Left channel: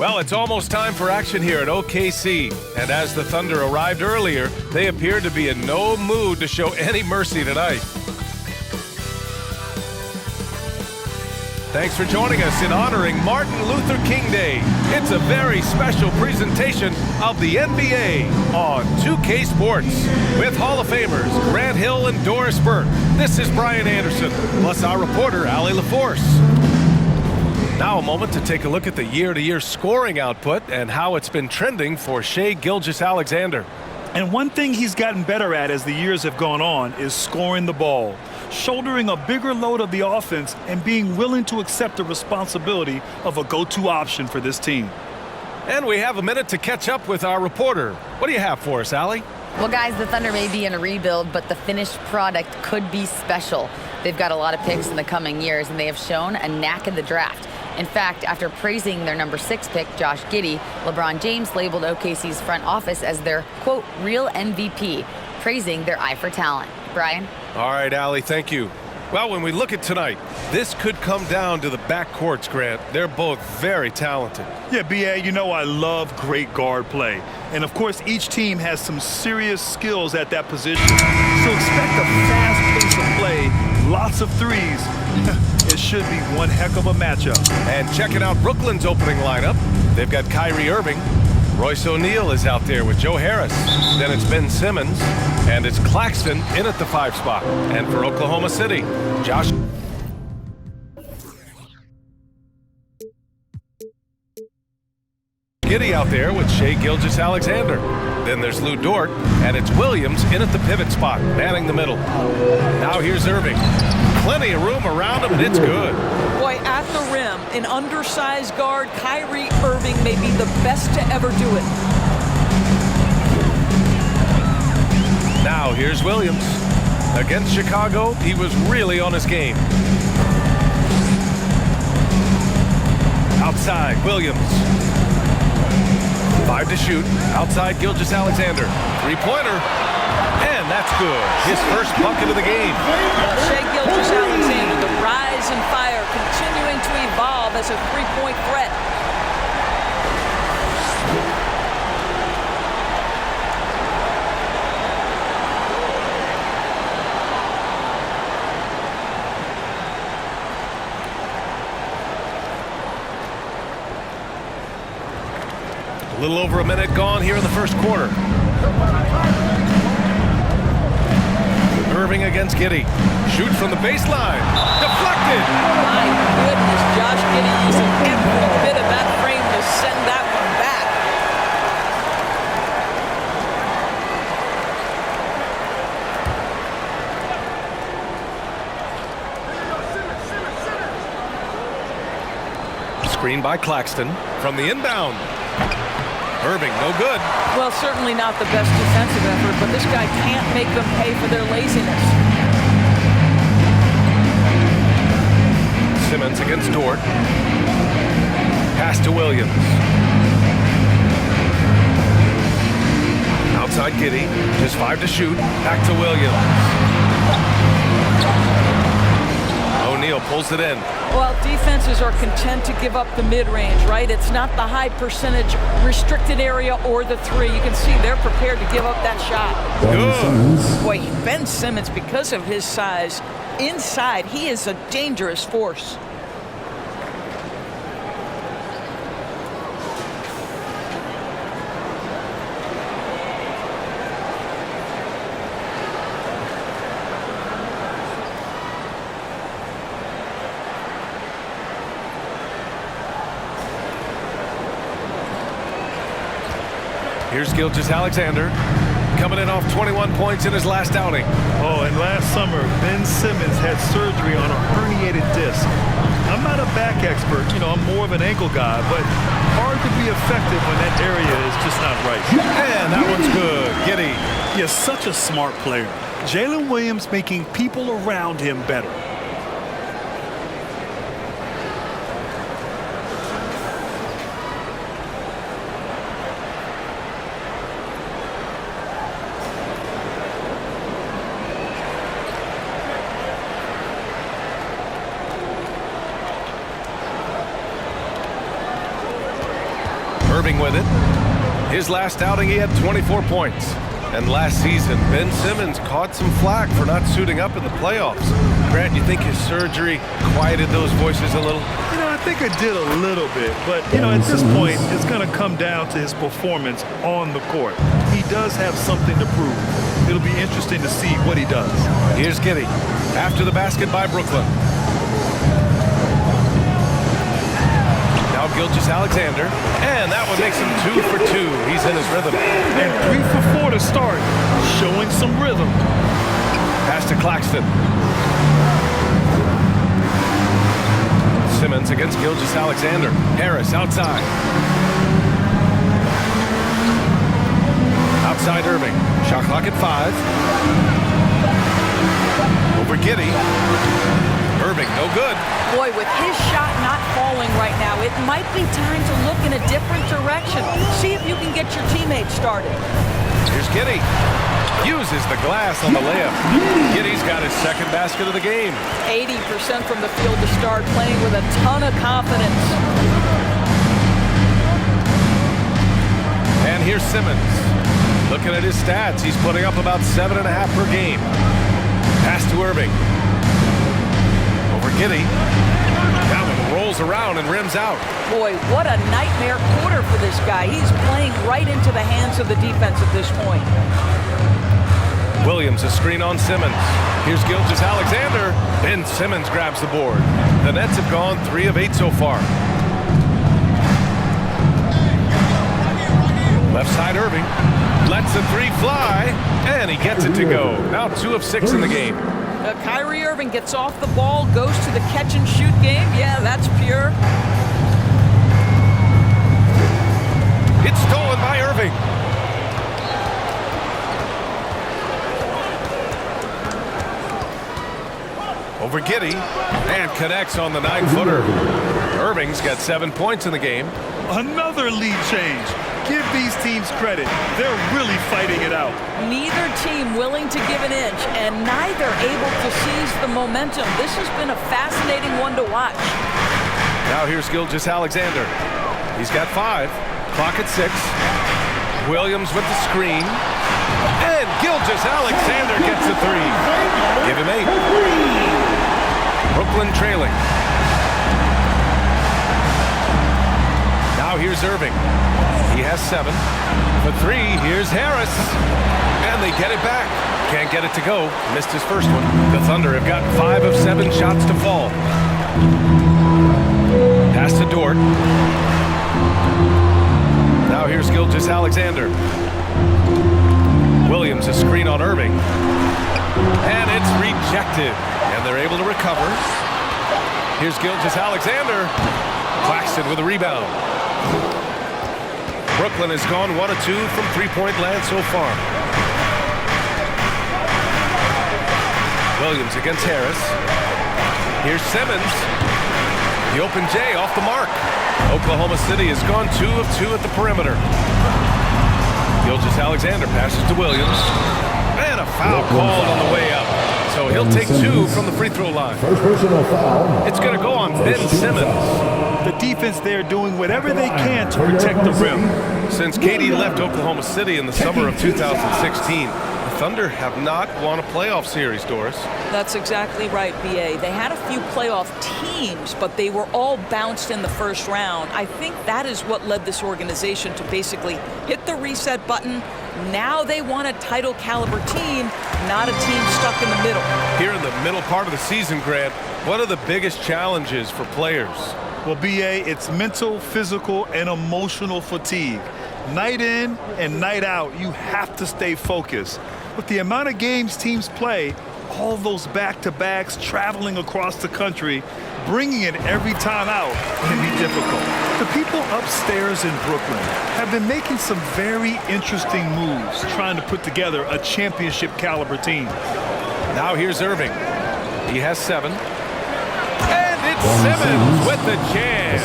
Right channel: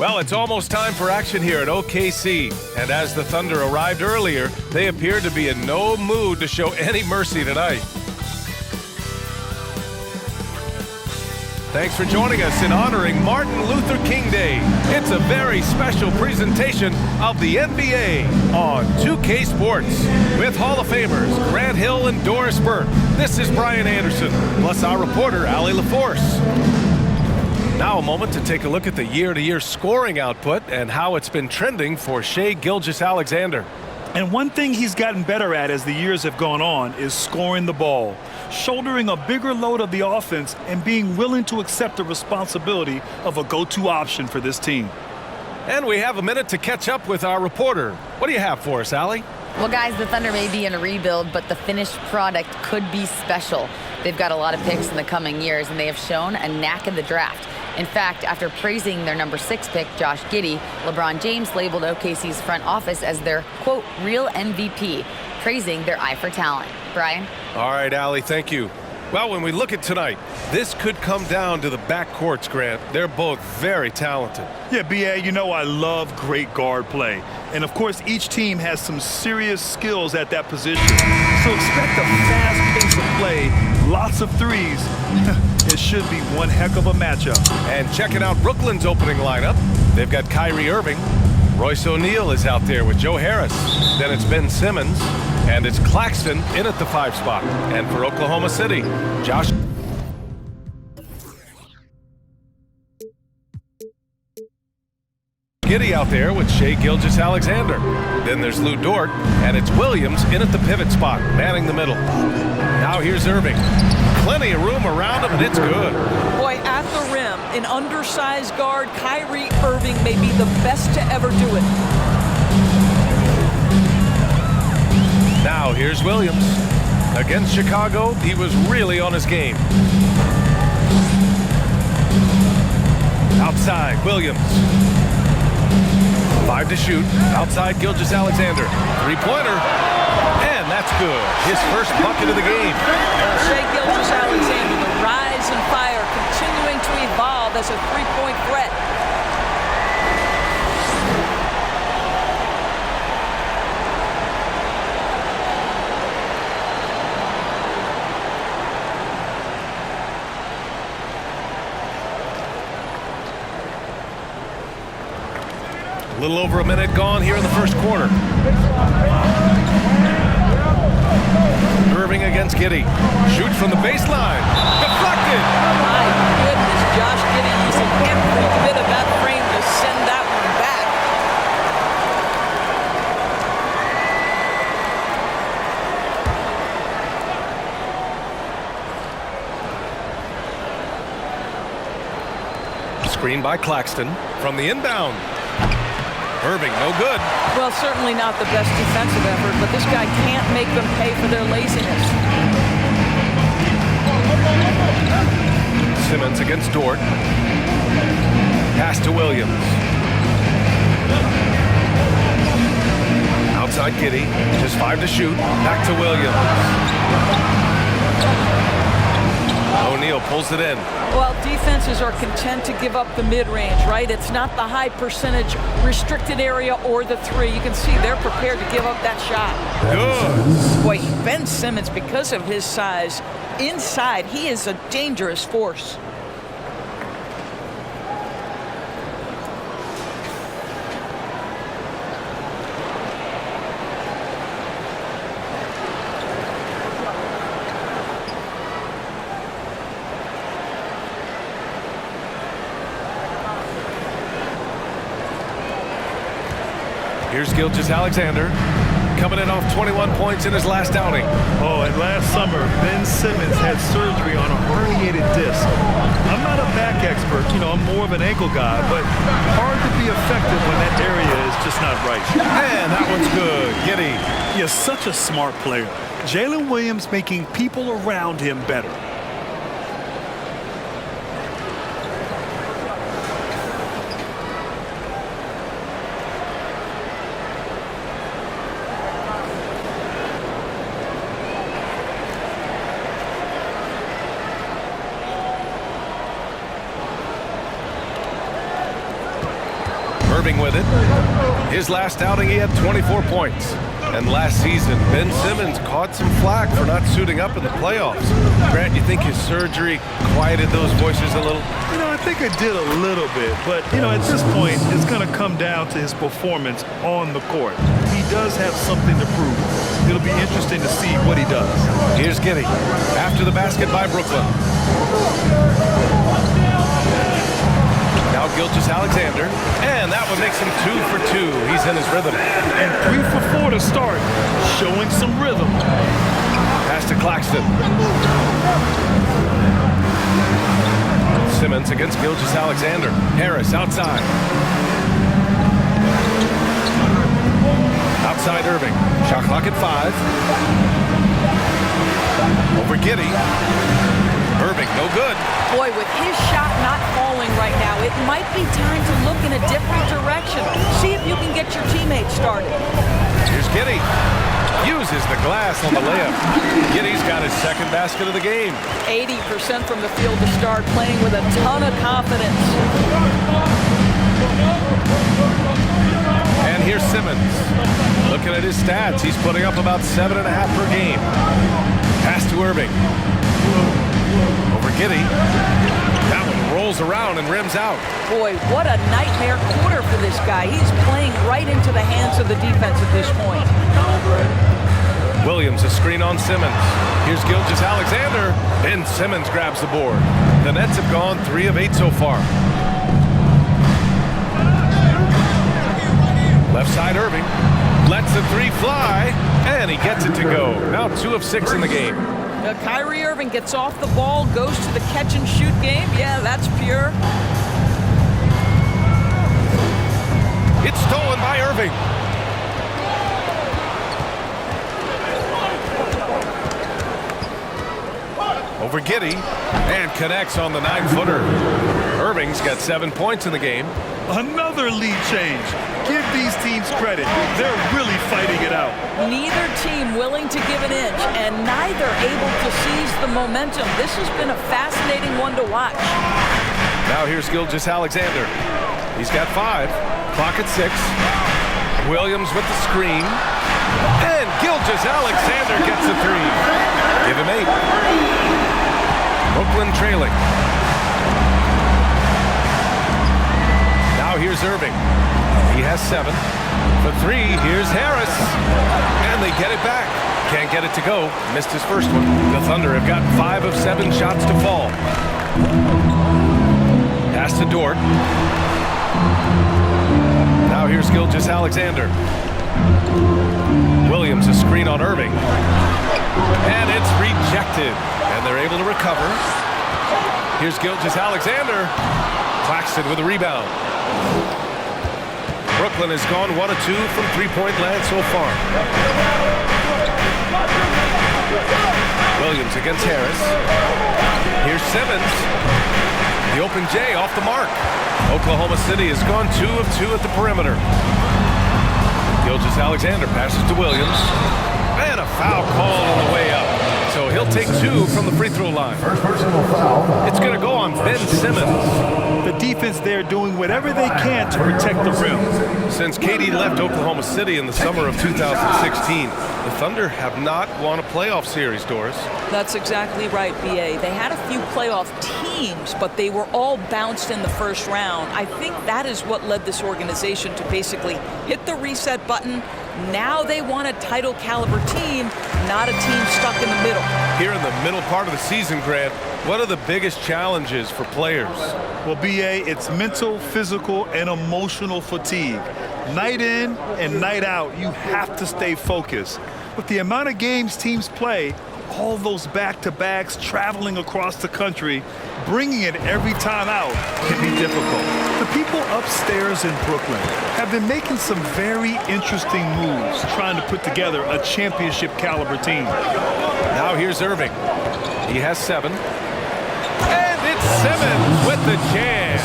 Well, it's almost time for action here at OKC. And as the Thunder arrived earlier, they appeared to be in no mood to show any mercy tonight. Thanks for joining us in honoring Martin Luther King Day. It's a very special presentation of the NBA on 2K Sports with Hall of Famers Grant Hill and Doris Burke. This is Brian Anderson, plus our reporter, Allie LaForce. Now a moment to take a look at the year-to-year scoring output and how it's been trending for Shai Gilgeous-Alexander. And one thing he's gotten better at as the years have gone on is scoring the ball, shouldering a bigger load of the offense and being willing to accept the responsibility of a go-to option for this team. And we have a minute to catch up with our reporter. What do you have for us, Allie? Well, guys, the Thunder may be in a rebuild, but the finished product could be special. They've got a lot of picks in the coming years, and they have shown a knack in the draft. In fact, after praising their number 6 pick, Josh Giddey, LeBron James labeled OKC's front office as their, quote, real MVP, praising their eye for talent. Brian? All right, Allie, thank you. Well, when we look at tonight, this could come down to the backcourts, Grant. They're both very talented. Yeah, B.A., you know I love great guard play. And, of course, each team has some serious skills at that position. So expect a fast pace of play, lots of threes. It should be one heck of a matchup. And checking out Brooklyn's opening lineup, they've got Kyrie Irving. Royce O'Neal is out there with Joe Harris. Then it's Ben Simmons. And it's Claxton in at the 5 spot. And for Oklahoma City, Josh Giddey out there with Shai Gilgeous-Alexander. Then there's Lou Dort, and it's Williams in at the pivot spot, manning the middle. Now here's Irving. Plenty of room around him, and it's good. Boy, at the rim, an undersized guard, Kyrie Irving may be the best to ever do it. Now here's Williams. Against Chicago, he was really on his game. Outside, Williams. 5 to shoot. Outside, Gilgeous-Alexander. Three-pointer. And that's good. His first bucket of the game. Shai Gilgeous-Alexander, the rise and fire, continuing to evolve as a three-point threat. A little over a minute gone here in the first quarter. Irving against Giddey. Shoots from the baseline. Deflected. My goodness, Josh Giddey using every bit of that frame to send that one back. Screen by Claxton from the inbound. Irving, no good. Well, certainly not the best defensive effort, but this guy can't make them pay for their laziness. Simmons against Dort. Pass to Williams. Outside Giddey. Just 5 to shoot. Back to Williams. O'Neal pulls it in. Well, defenses are content to give up the mid-range, right? It's not the high percentage restricted area or the three. You can see they're prepared to give up that shot. Good. Boy, Ben Simmons, because of his size, inside, he is a dangerous force. Here's Gilgeous-Alexander coming in off 21 points in his last outing. Oh, and last summer, Ben Simmons had surgery on a herniated disc. I'm not a back expert, you know, I'm more of an ankle guy, but hard to be effective when that area is just not right. And that one's good. Giddey. He is such a smart player. Jalen Williams making people around him better. Irving with it. His last outing, he had 24 points. And last season, Ben Simmons caught some flack for not suiting up in the playoffs. Grant, you think his surgery quieted those voices a little? You know, I think it did a little bit, but, you know, at this point, it's going to come down to his performance on the court. He does have something to prove. It'll be interesting to see what he does. Here's Giddey after the basket by Brooklyn. Now Gilgeous-Alexander, and that one makes him 2 for 2. He's in his rhythm. And 3 for 4 to start, showing some rhythm. Pass to Claxton. Simmons against Gilgeous-Alexander. Harris outside. Outside Irving. Shot clock at 5. Over Giddey. Irving, no good. Boy, with his shot not falling right now, it might be time to look in a different direction. See if you can get your teammates started. Here's Giddey. Uses the glass on the layup. Giddey's got his second basket of the game. 80% from the field to start, playing with a ton of confidence. And here's Simmons. Looking at his stats, he's putting up about 7.5 per game. Pass to Irving. Over Giddey. That one rolls around and rims out. Boy, what a nightmare quarter for this guy. He's playing right into the hands of the defense at this point. Williams, a screen on Simmons. Here's Gilgeous-Alexander. Ben Simmons grabs the board. The Nets have gone 3 of 8 so far. Left side Irving. Lets the 3 fly, and he gets it to go. Now 2 of 6 in the game. Kyrie Irving gets off the ball, goes to the catch-and-shoot game. Yeah, that's pure. It's stolen by Irving. Over Giddey, and connects on the 9-footer. Irving's got 7 points in the game. Another lead change. Give these teams credit. They're really fighting it out. Neither team willing to give an inch, and neither able to seize the momentum. This has been a fascinating one to watch. Now here's Gilgeous-Alexander. He's got 5. Clock at 6. Williams with the screen. And Gilgeous-Alexander gets a 3. Give him 8. Brooklyn trailing. Now here's Irving. He has 7. For 3, here's Harris. And they get it back. Can't get it to go. Missed his first one. The Thunder have gotten 5 of 7 shots to fall. Pass to Dort. Now here's Gilgeous-Alexander. Williams, a screen on Irving. And it's rejected. And they're able to recover. Here's Gilgeous-Alexander. Claxton with a rebound. Brooklyn has gone 1 of 2 from 3-point land so far. Williams against Harris. Here's Simmons. The open J off the mark. Oklahoma City has gone 2 of 2 at the perimeter. Gilgeous-Alexander passes to Williams. And a foul called on the way up. So he'll take 2 from the free throw line. First personal foul. It's going to go on Ben Simmons. The defense there doing whatever they can to protect the rim. Since KD left Oklahoma City in the summer of 2016, the Thunder have not won a playoff series, Doris. That's exactly right, B.A. They had a few playoff teams, but they were all bounced in the first round. I think that is what led this organization to basically hit the reset button. Now they want a title caliber team, not a team stuck in the middle. Here in the middle part of the season, Grant, what are the biggest challenges for players? Well, B.A., it's mental, physical, and emotional fatigue. Night in and night out, you have to stay focused. With the amount of games teams play, all those back-to-backs, traveling across the country, bringing it every time out can be difficult. The people upstairs in Brooklyn have been making some very interesting moves, trying to put together a championship caliber team. Now here's Irving. He has 7. And it's Simmons with the jam.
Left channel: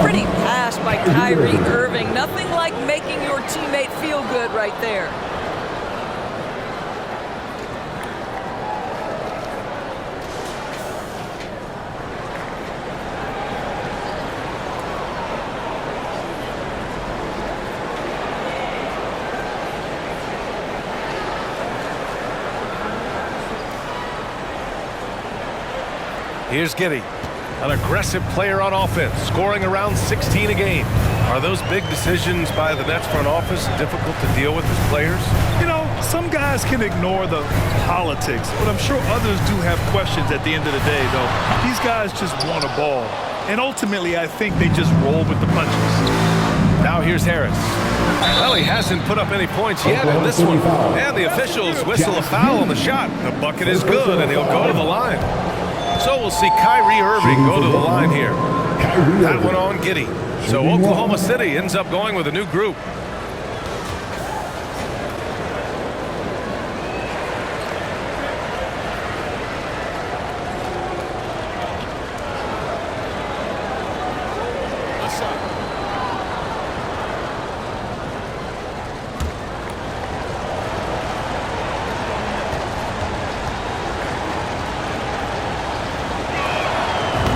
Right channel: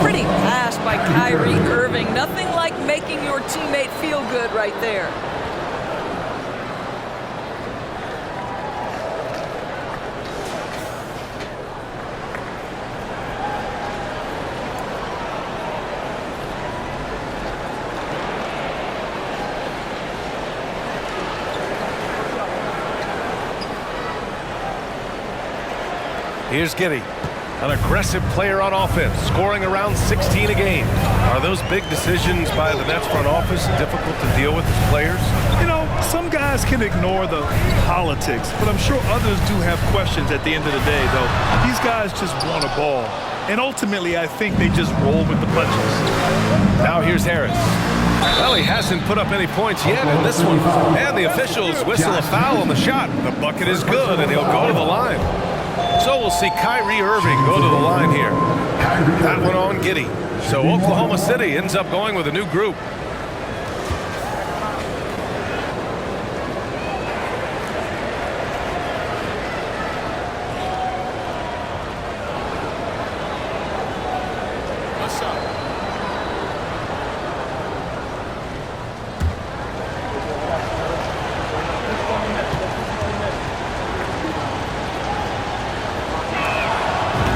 Pretty pass by Kyrie Irving. Nothing like making your teammate feel good right there. Here's Giddy, an aggressive player on offense, scoring around 16 a game. Are those big decisions by the Nets front office difficult to deal with as players? You know, some guys can ignore the politics, but I'm sure others do have questions at the end of the day, though. These guys just want a ball. And ultimately, I think they just roll with the punches. Now here's Harris. Well, he hasn't put up any points yet in this one. And the officials whistle a foul on the shot. The bucket is good, and he'll go to the line. So we'll see Kyrie Irving go to the line here. That one on Giddy. So Oklahoma City ends up going with a new group. What's up?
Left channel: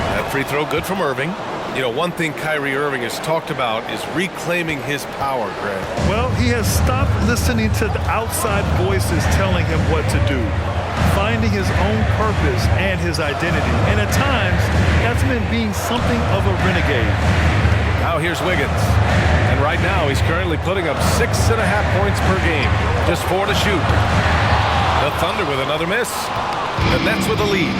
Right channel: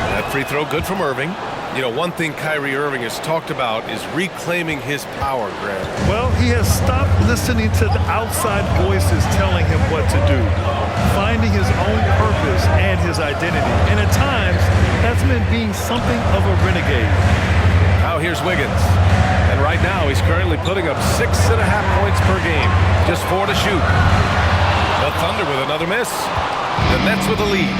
That free throw good from Irving. You know, one thing Kyrie Irving has talked about is reclaiming his power, Grant. Well, he has stopped listening to the outside voices telling him what to do, finding his own purpose and his identity. And at times, that's meant being something of a renegade. Now here's Wiggins. And right now, he's currently putting up 6.5 points per game. Just 4 to shoot. The Thunder with another miss. The Nets with a lead.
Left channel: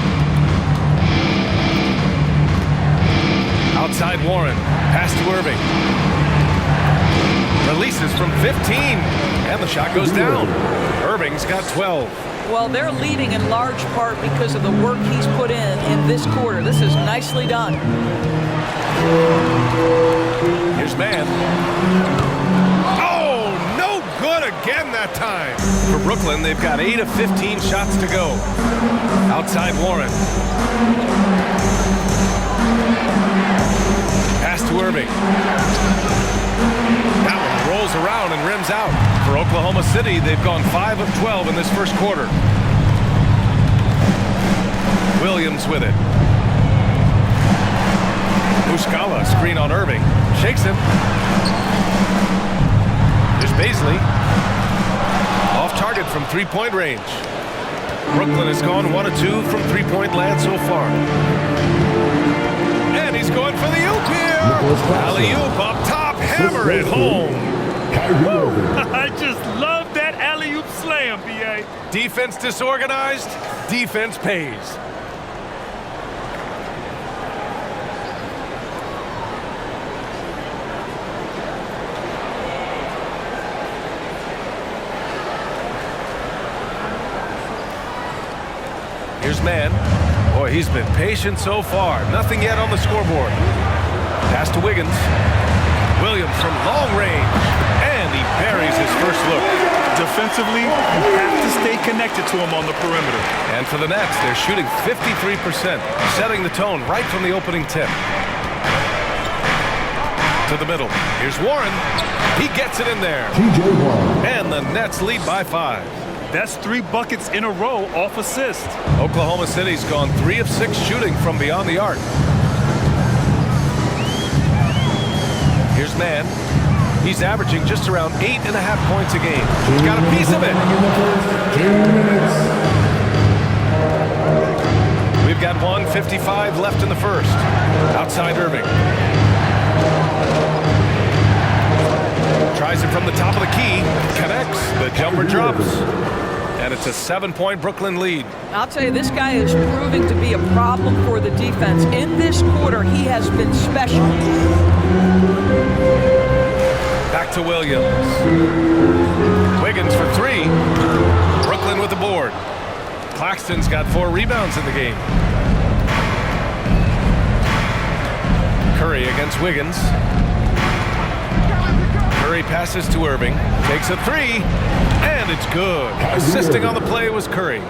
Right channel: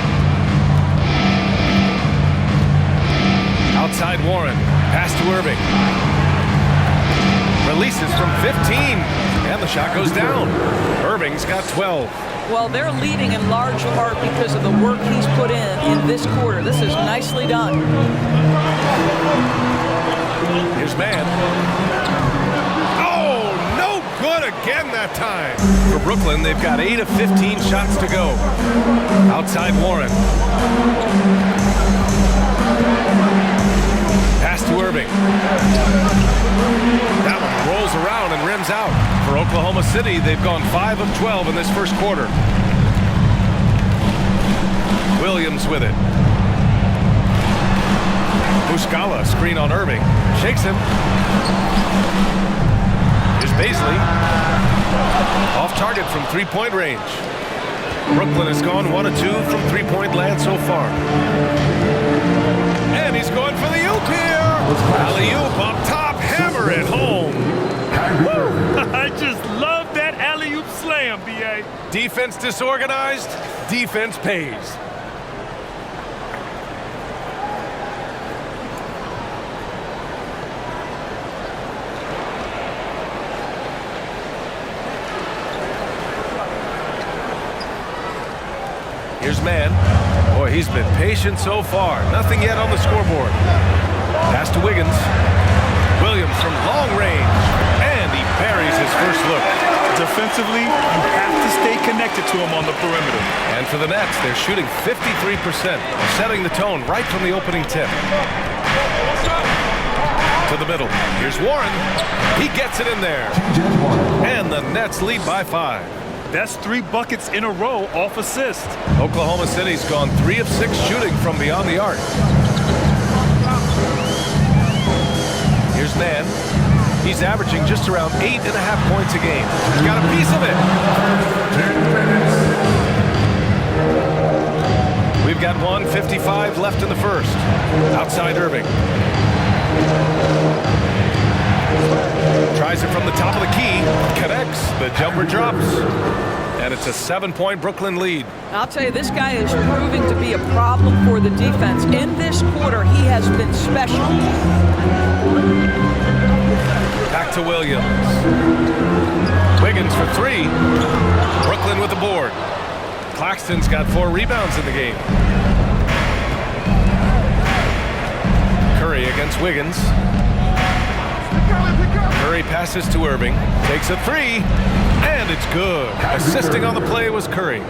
Outside Warren, pass to Irving. Releases from 15, and the shot goes down. Irving's got 12. Well, they're leading in large part because of the work he's put in this quarter. This is nicely done. Here's Mann. Oh, no good again that time. For Brooklyn, they've got 8 of 15 shots to go. Outside Warren. Pass to Irving. That one rolls around and rims out. For Oklahoma City, they've gone 5 of 12 in this first quarter. Williams with it. Muscala, screen on Irving. Shakes him. Here's Baisley. Off target from three-point range. Brooklyn has gone 1 of 2 from three-point land so far. And he's going for the oop here. Alley-oop up top, hammer it home. I just love that alley-oop slam, B.A. Defense disorganized, defense pays. Here's Mann. Boy, he's been patient so far. Nothing yet on the scoreboard. Pass to Wiggins. Williams from long range. And he buries his first look. Defensively, you have to stay connected to him on the perimeter. And for the Nets, they're shooting 53%, setting the tone right from the opening tip. To the middle. Here's Warren. He gets it in there. And the Nets lead by 5. That's 3 buckets in a row off assist. Oklahoma City's gone 3 of 6 shooting from beyond the arc. Here's Mann. He's averaging just around 8.5 points a game. He's got a piece of it. We've got 1:55 left in the first. Outside Irving. Tries it from the top of the key. Connects. The jumper drops. And it's a 7-point Brooklyn lead. I'll tell you, this guy is proving to be a problem for the defense. In this quarter, he has been special. Back to Williams. Wiggins for 3. Brooklyn with the board. Claxton's got 4 rebounds in the game. Curry against Wiggins. Curry passes to Irving. Takes a 3. And it's good. Assisting on the play was Curry.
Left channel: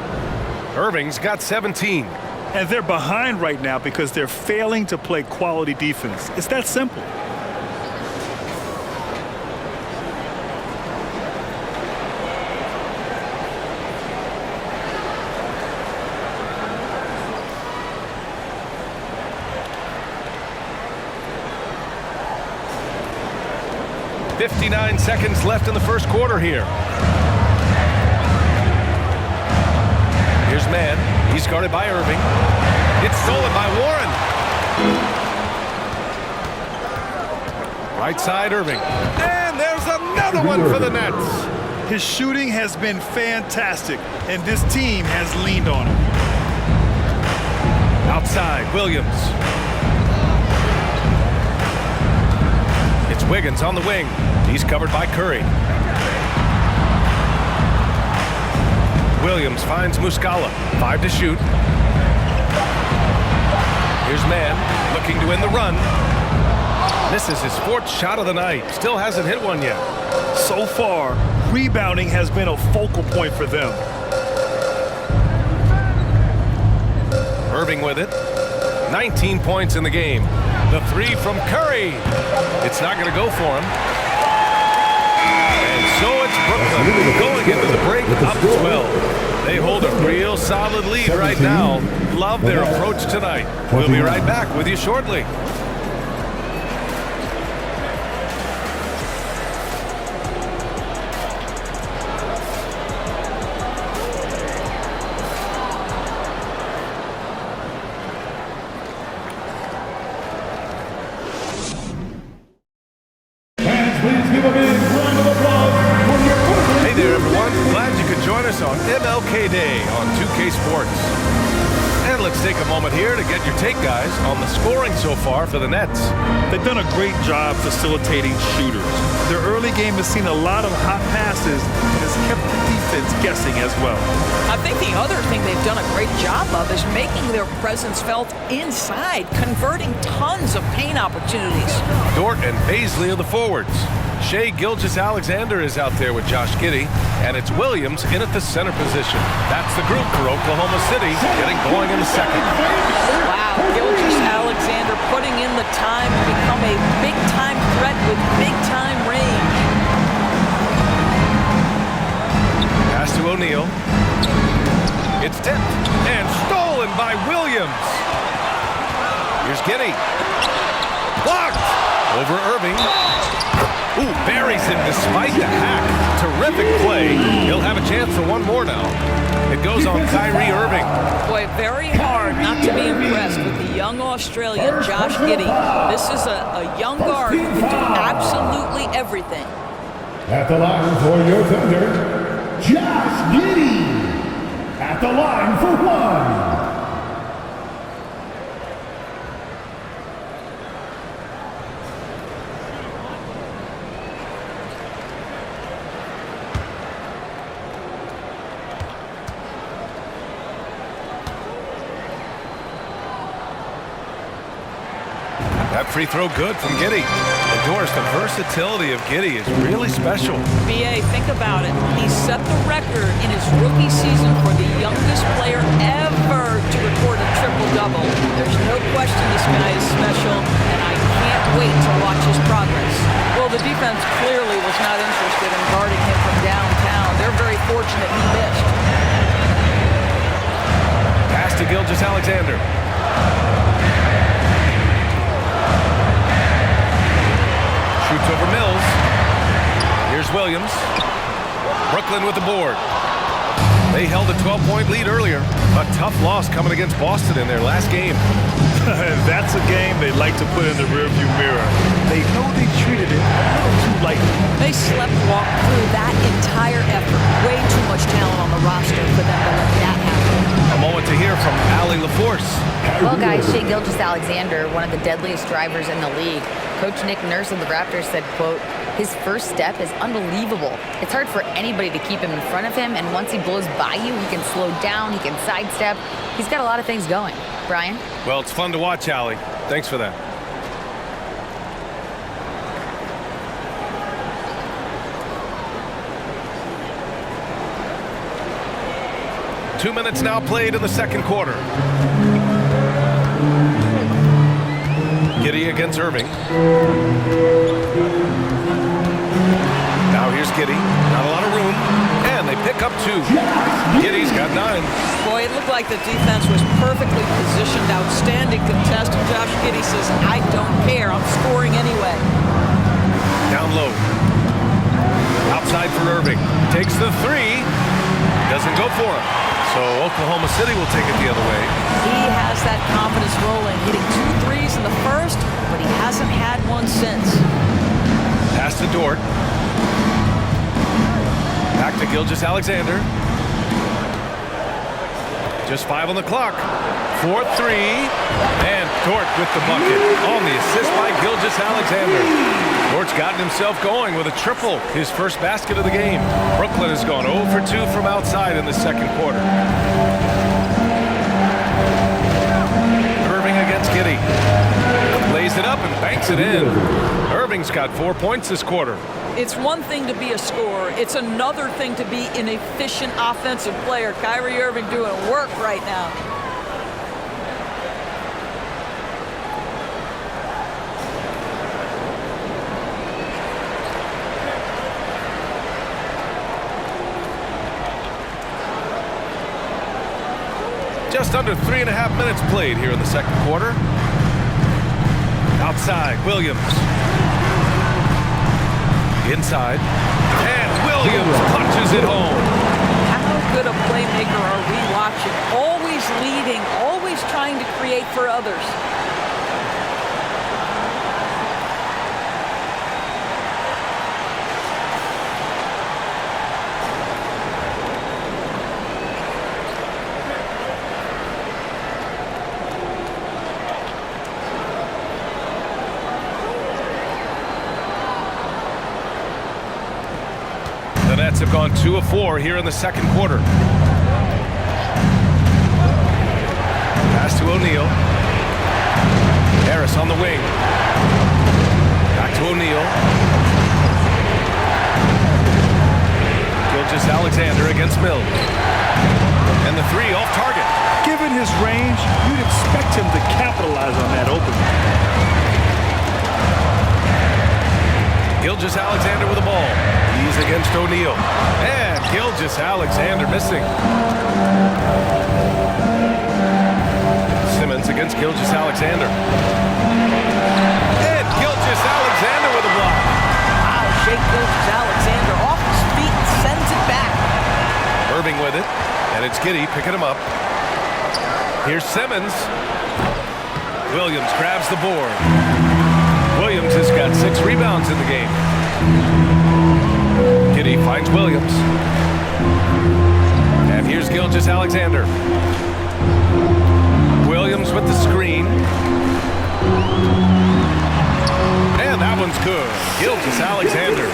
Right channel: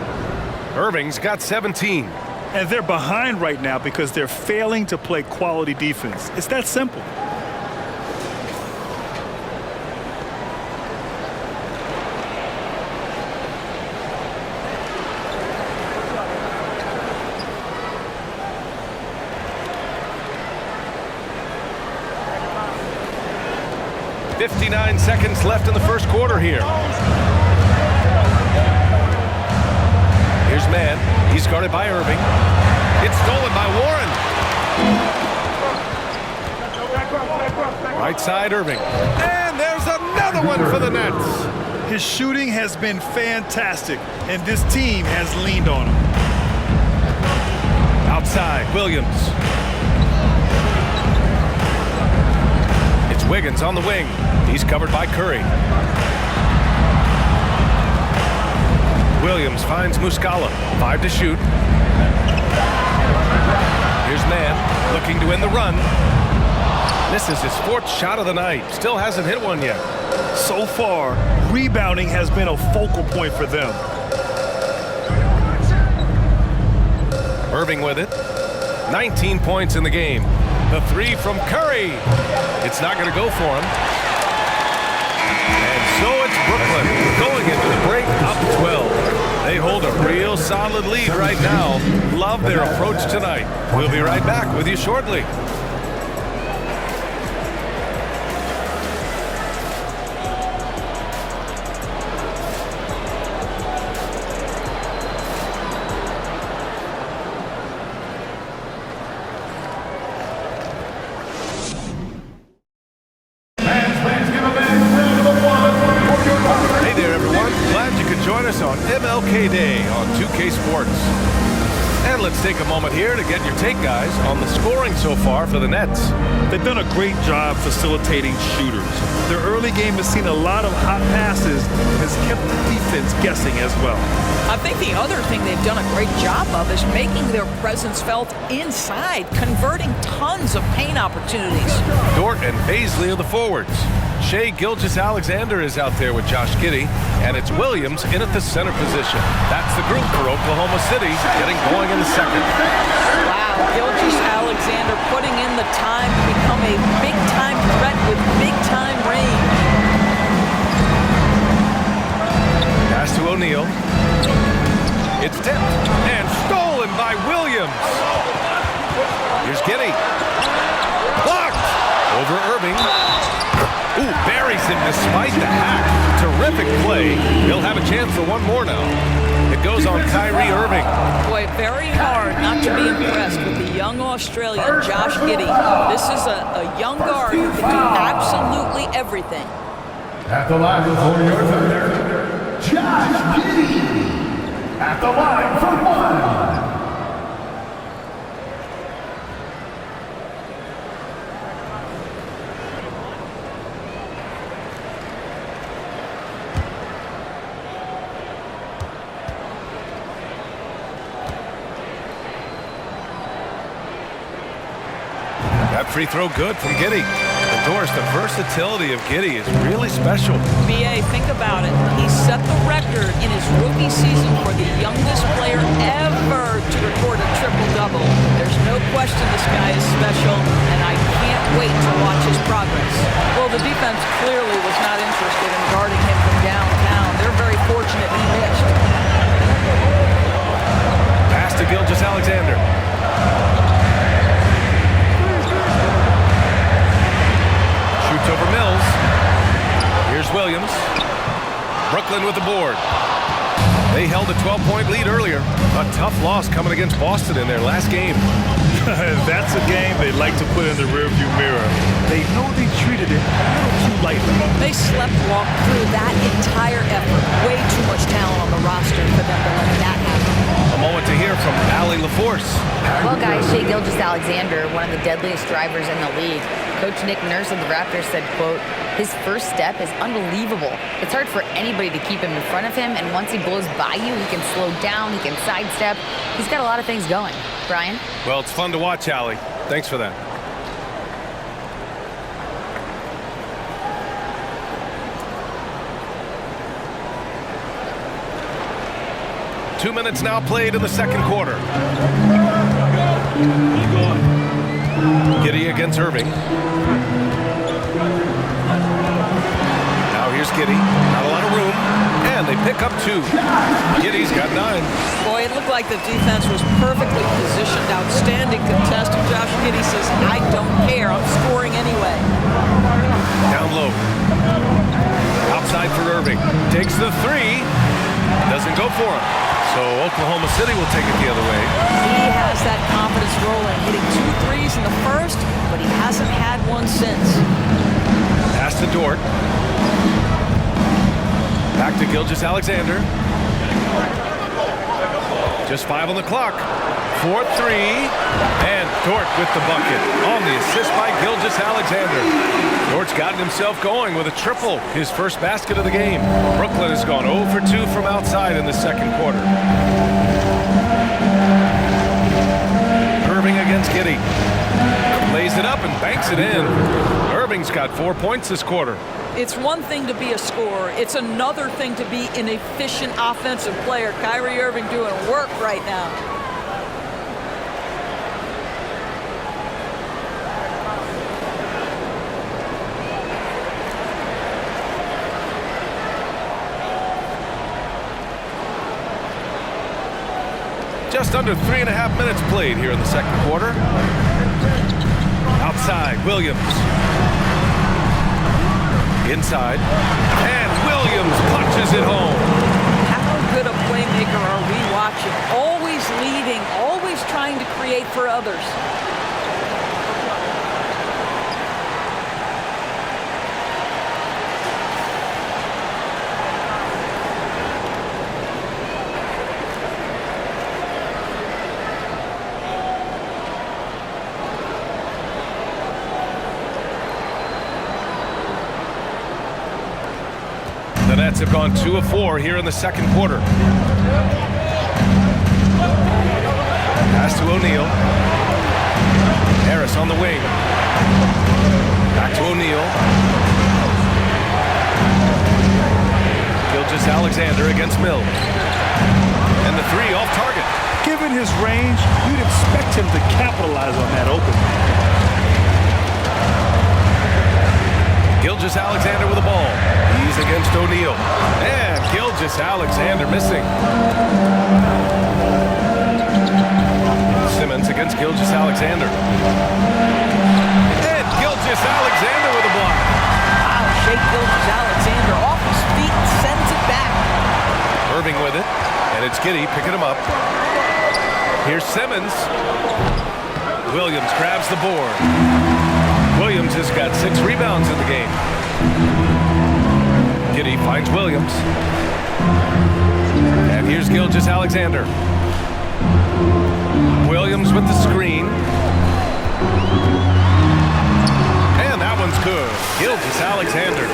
Irving's got 17. And they're behind right now because they're failing to play quality defense. It's that simple. .59 seconds left in the first quarter here. Here's Mann. He's guarded by Irving. It's stolen by Warren. Right side, Irving. And there's another one for the Nets. His shooting has been fantastic, and this team has leaned on him. Outside, Williams. It's Wiggins on the wing. He's covered by Curry. Williams finds Muscala. 5 to shoot. Here's Mann looking to win the run. Misses his 4th shot of the night. Still hasn't hit one yet. So far, rebounding has been a focal point for them. Irving with it. 19 points in the game. The 3 from Curry. It's not going to go for him. And so it's Brooklyn going into the break up 12. They hold a real solid lead right now. Love their approach tonight. We'll be right back with you shortly. Hey there, everyone. Glad you could join us on MLK Day on 2K Sports. And let's take a moment here to get your take, guys, on the scoring so far for the Nets. They've done a great job facilitating shooters. Their early game has seen a lot of hot passes and has kept the defense guessing as well. I think the other thing they've done a great job of is making their presence felt inside, converting tons of paint opportunities. Dort and Baisley are the forwards. Shai Gilgeous-Alexander is out there with Josh Giddey, and it's Williams in at the center position. That's the group for Oklahoma City, getting going in the second. Wow, Gilgeous-Alexander putting in the time to become a big-time threat with big-time range. Pass to O'Neal. It's tipped and stolen by Williams. Here's Giddey. Blocked over Irving. Ooh, buries him despite the hack. Terrific play. He'll have a chance for one more now. It goes on Kyrie Irving. Boy, very hard not to be impressed with the young Australian Josh Giddey. This is a young guard who can do absolutely everything. At the line for your thunder, Josh Giddey. At the line for one. That free throw good from Giddey. And Doris, the versatility of Giddey is really special. BA, think about it. He set the record in his rookie season for the youngest player ever to record a triple-double. There's no question this guy is special, and I can't wait to watch his progress. Well, the defense clearly was not interested in guarding him from downtown. They're very fortunate he missed. Pass to Gilgeous-Alexander. Shoots over Mills. Here's Williams. Brooklyn with the board. They held a 12-point lead earlier. A tough loss coming against Boston in their last game. That's a game they like to put in the rearview mirror. They know they treated it a little too lightly. They sleptwalked through that entire effort. Way too much talent on the roster for them to let that happen. A moment to hear from Allie LaForce. Well, guys, Shai Gilgeous-Alexander, one of the deadliest drivers in the league. Coach Nick Nurse of the Raptors said, quote, his first step is unbelievable. It's hard for anybody to keep him in front of him, and once he blows by you, he can slow down, he can sidestep. He's got a lot of things going. Brian? Well, it's fun to watch, Allie. Thanks for that. Two minutes now played in the second quarter. Giddey against Irving. Now here's Giddey. Not a lot of room. And they pick up 2. Giddey's got 9. Boy, it looked like the defense was perfectly positioned. Outstanding contest. And Josh Giddey says, I don't care. I'm scoring anyway. Down low. Outside for Irving. Takes the 3. Doesn't go for him. So So Oklahoma City will take it the other way. He has that confidence rolling, hitting 2 threes in the first, but he hasn't had one since. Pass to Dort. Back to Gilgeous-Alexander. Just 5 on the clock. 4-3. And Dort with the bucket on the assist by Gilgeous-Alexander. Dort's gotten himself going with a triple, his first basket of the game. Brooklyn has gone 0 for 2 from outside in the second quarter. Irving against Giddey. Lays it up and banks it in. Irving's got 4 points this quarter. It's one thing to be a scorer. It's another thing to be an efficient offensive player. Kyrie Irving doing work right now. Just under 3.5 minutes played here in the second quarter. Outside, Williams. Inside, and Williams punches it home. How good a playmaker are we watching? Always leading, always trying to create for others. The Nets have gone 2 of 4 here in the second quarter. Pass to O'Neal. Harris on the wing. Back to O'Neal. Gilgeous-Alexander against Mills. And the 3 off target. Given his range, you'd expect him to capitalize on that opening. Gilgeous-Alexander with the ball. He's against O'Neal. And Gilgeous-Alexander missing. Simmons against Gilgeous-Alexander. And Gilgeous-Alexander with a block. Wow, Shai Gilgeous-Alexander off his feet and sends it back. Irving with it. And it's Giddey picking him up. Here's Simmons. Williams grabs the board. Williams has got 6 rebounds in the game. Giddey finds Williams. And here's Gilgeous-Alexander. Williams with the screen. And that one's good. Gilgeous-Alexander.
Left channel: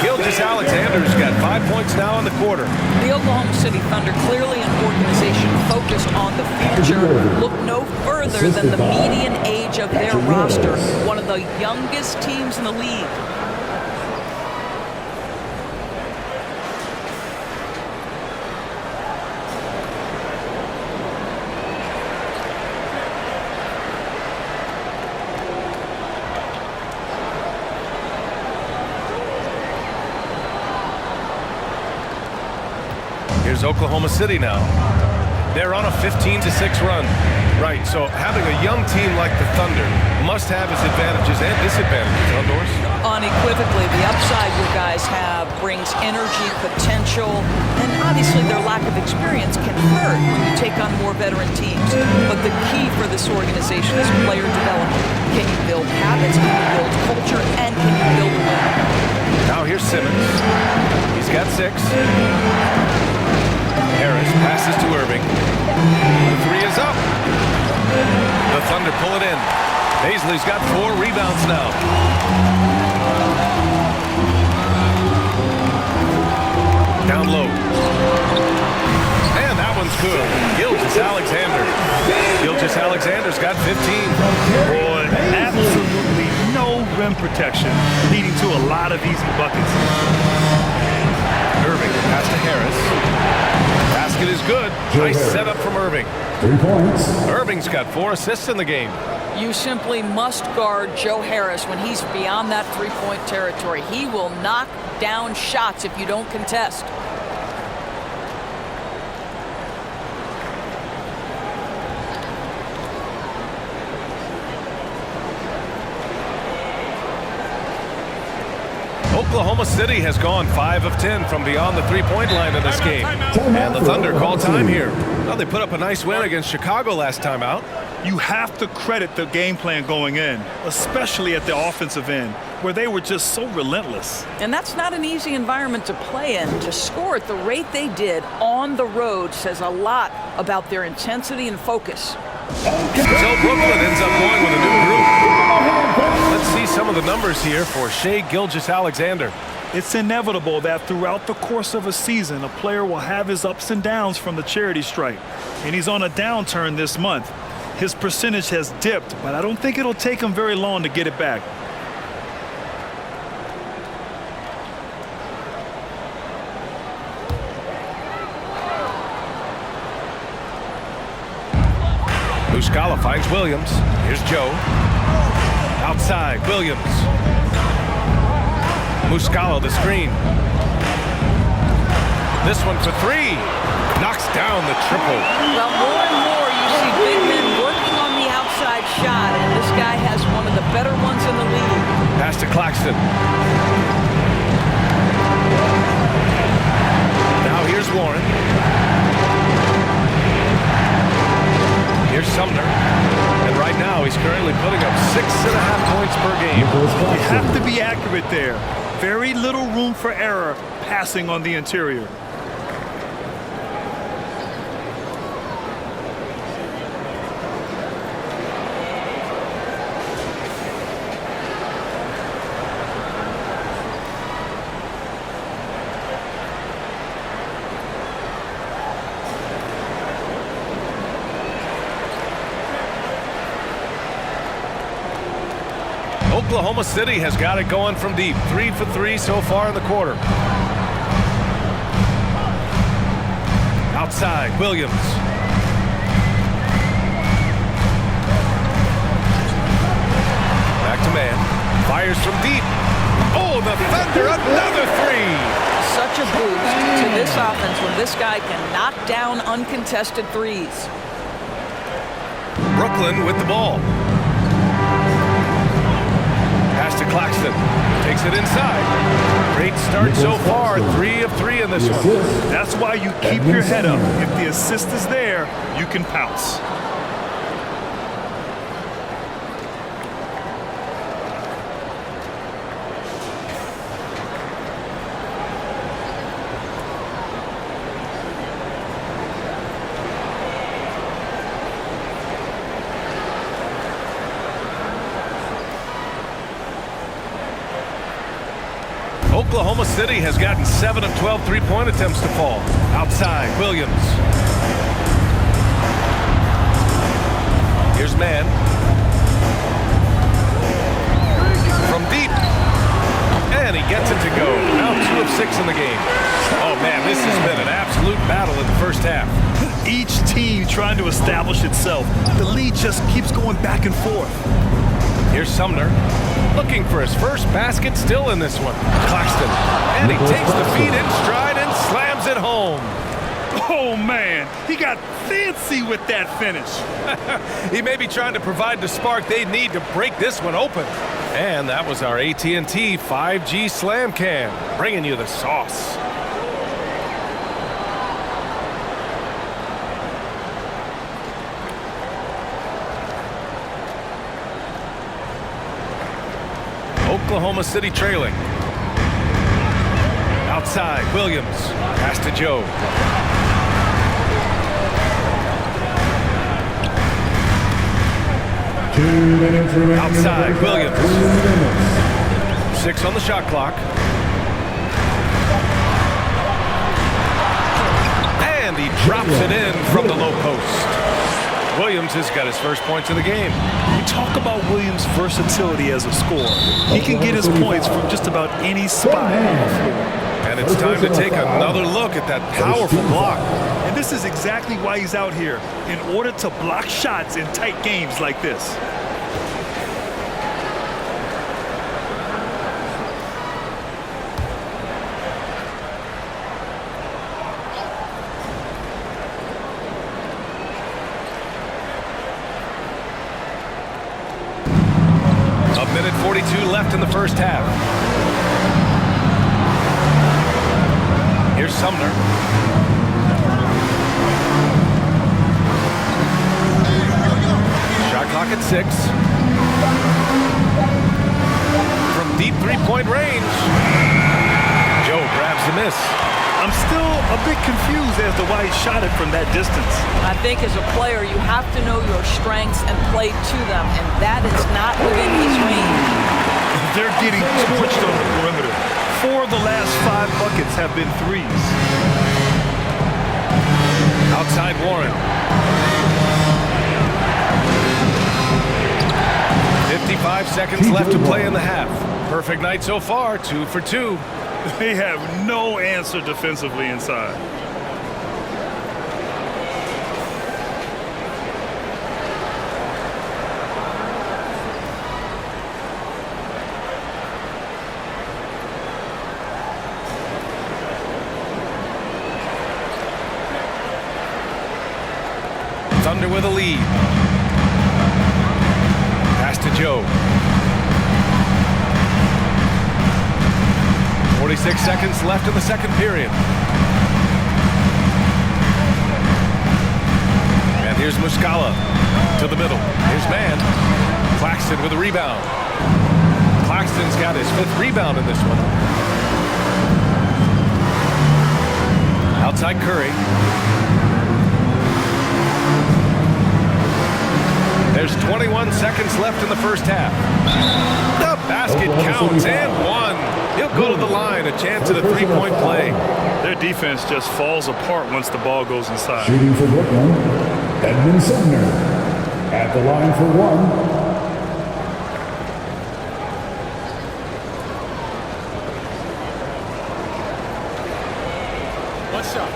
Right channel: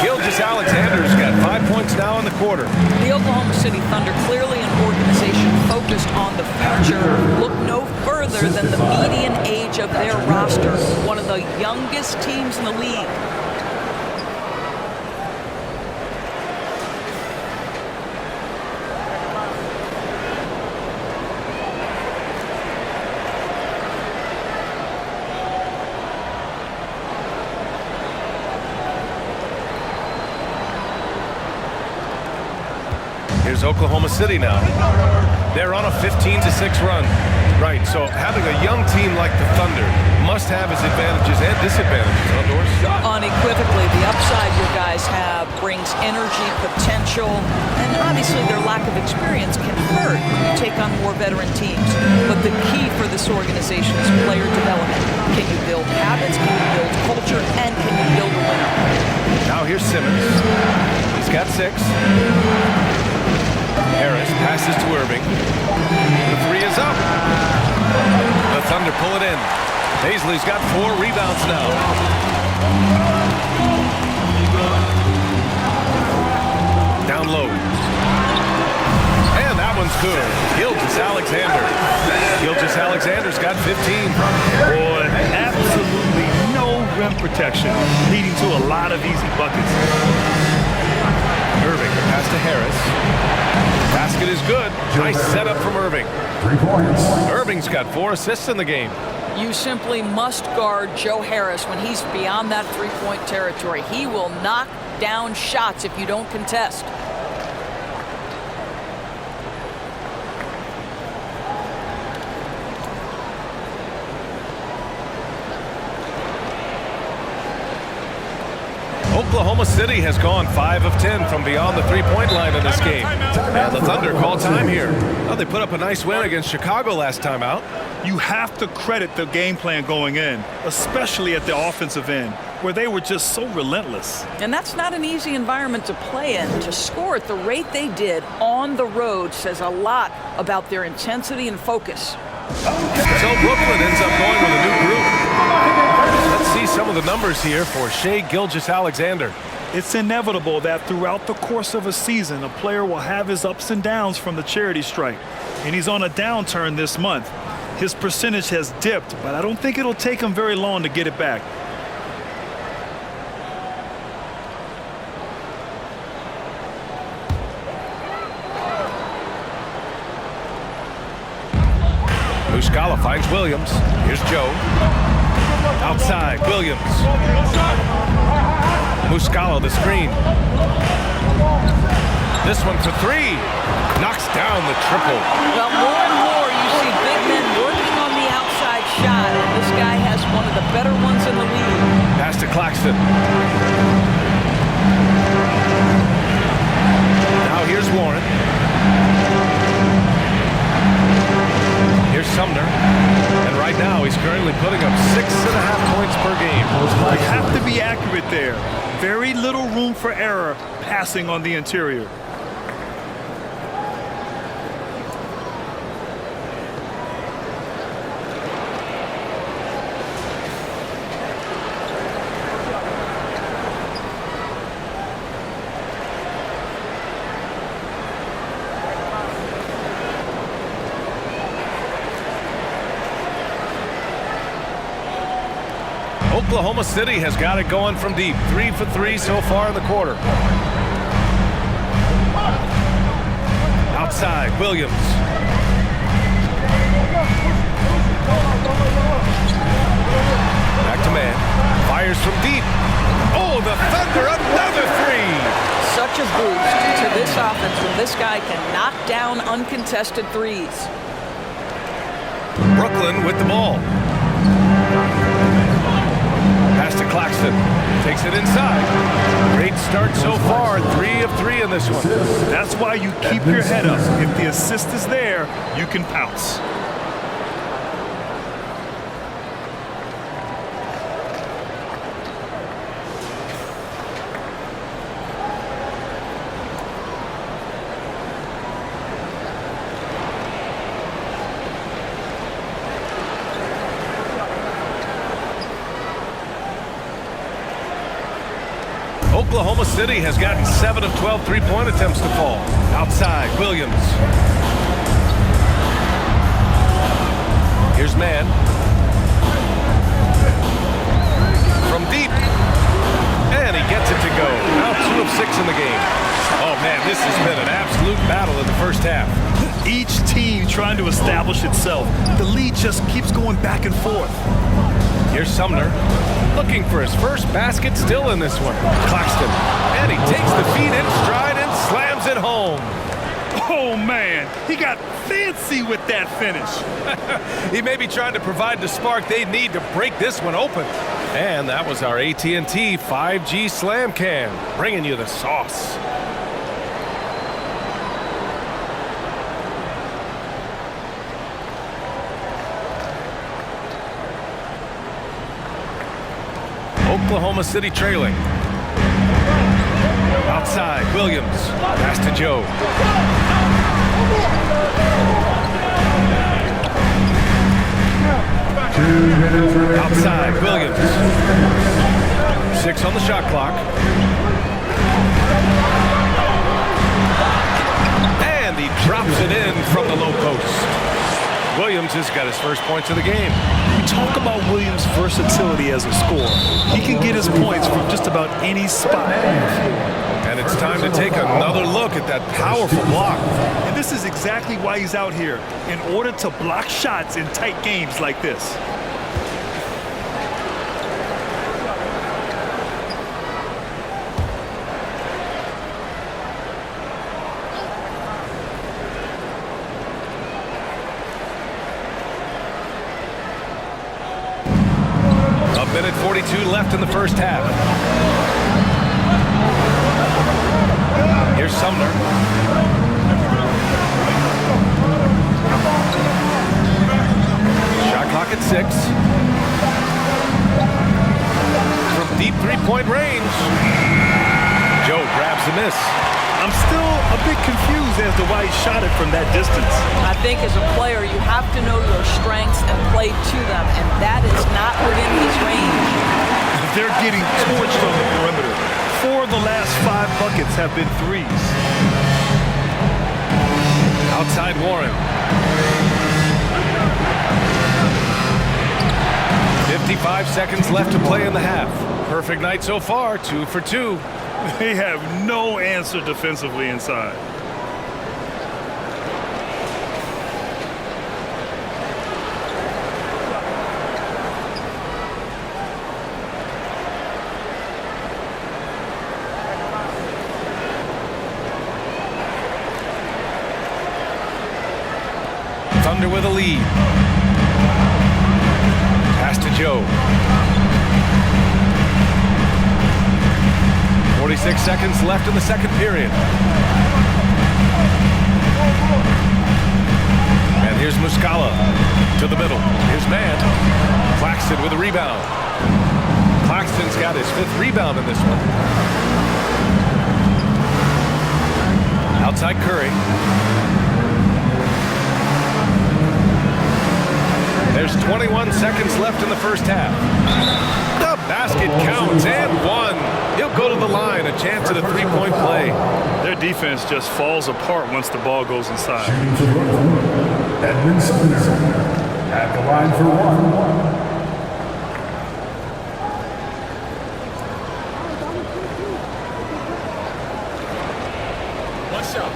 Gilgeous-Alexander's got 5 points now in the quarter. The Oklahoma City Thunder, clearly an organization focused on the future, look no further than the median age of their roster. One of the youngest teams in the league. Here's Oklahoma City now. They're on a 15-6 run. Right, so having a young team like the Thunder must have its advantages and disadvantages, huh, Doris? Unequivocally, the upside your guys have brings energy, potential, and obviously their lack of experience can hurt when you take on more veteran teams. But the key for this organization is player development. Can you build habits, can you build culture, and can you build a winner? Now here's Simmons. He's got 6. Harris passes to Irving. The 3 is up. The Thunder pull it in. Paisley's got 4 rebounds now. Down low. And that one's good. Gilgeous-Alexander. Gilgeous-Alexander's got 15. Boy, absolutely no rim protection, leading to a lot of easy buckets. Irving, the pass to Harris. Basket is good. Nice setup from Irving. 3 points. Irving's got 4 assists in the game. You simply must guard Joe Harris when he's beyond that three-point territory. He will knock down shots if you don't contest. Oklahoma City has gone 5 of 10 from beyond the three-point line in this game. And the Thunder call time here. Well, they put up a nice win against Chicago last time out. You have to credit the game plan going in, especially at the offensive end, where they were just so relentless. And that's not an easy environment to play in. To score at the rate they did on the road says a lot about their intensity and focus. So Brooklyn ends up going with a new group. Let's see some of the numbers here for Shai Gilgeous-Alexander. It's inevitable that throughout the course of a season, a player will have his ups and downs from the charity stripe. And he's on a downturn this month. His percentage has dipped, but I don't think it'll take him very long to get it back. Muscala finds Williams. Here's Joe. Outside, Williams. Muscala the screen. This one for three. Knocks down the triple. Well, more and more you see big men working on the outside shot, and this guy has one of the better ones in the league. Pass to Claxton. Now here's Warren. Here's Sumner. And right now he's currently putting up 6.5 points per game. You have to be accurate there. Very little room for error passing on the interior. Oklahoma City has got it going from deep. 3 for 3 so far in the quarter. Outside, Williams. Back to man. Fires from deep. Oh, the Thunder, another three. Such a boost to this offense when this guy can knock down uncontested threes. Brooklyn with the ball. Pass to Claxton. Takes it inside. Great start so far. 3 of 3 in this one. That's why you keep your head up. If the assist is there, you can pounce. Oklahoma City has gotten 7 of 12 three-point attempts to fall. Outside, Williams. Here's man. From deep. And he gets it to go. Now 2 of 6 in the game. Oh, man, this has been an absolute battle in the first half. Each team trying to establish itself. The lead just keeps going back and forth. Here's Sumner. Looking for his first basket still in this one. Claxton. And he takes the feed in stride and slams it home. Oh, man. He got fancy with that finish. He may be trying to provide the spark they need to break this one open. And that was our AT&T 5G Slam Cam, bringing you the sauce. Oklahoma City trailing. Outside, Williams. Pass to Joe. Outside, Williams. 6 on the shot clock. And he drops it in from the low post. Williams has got his first points of the game. We talk about Williams' versatility as a scorer. He can get his points from just about any spot on the floor. And it's time to take another look at that powerful block. And this is exactly why he's out here, in order to block shots in tight games like this. A minute 42 left in the first half. Here's Sumner. Shot clock at 6. From deep three-point range, Joe grabs the miss. I'm still a bit confused as to why he shot it from that distance. I think as a player, you have to know your strengths and play to them, and that is not within his range. They're getting torched on the perimeter. 4 of the last 5 buckets have been threes. Outside Warren. 55 seconds left to play in the half. Perfect night so far, 2 for 2. They have no answer defensively inside. Thunder with a lead. Pass to Joe. 46 seconds left in the second period. And here's Muscala to the middle. Here's Mann. Claxton with a rebound. Claxton's got his 5th rebound in this one. Outside Curry. There's 21 seconds left in the first half. The basket counts and 1. He'll go to the line, a chance at a 3-point play. Their defense just falls apart once the ball goes inside. Shooting for Brooklyn, Edmund Sumner. At the line for 1. What's up?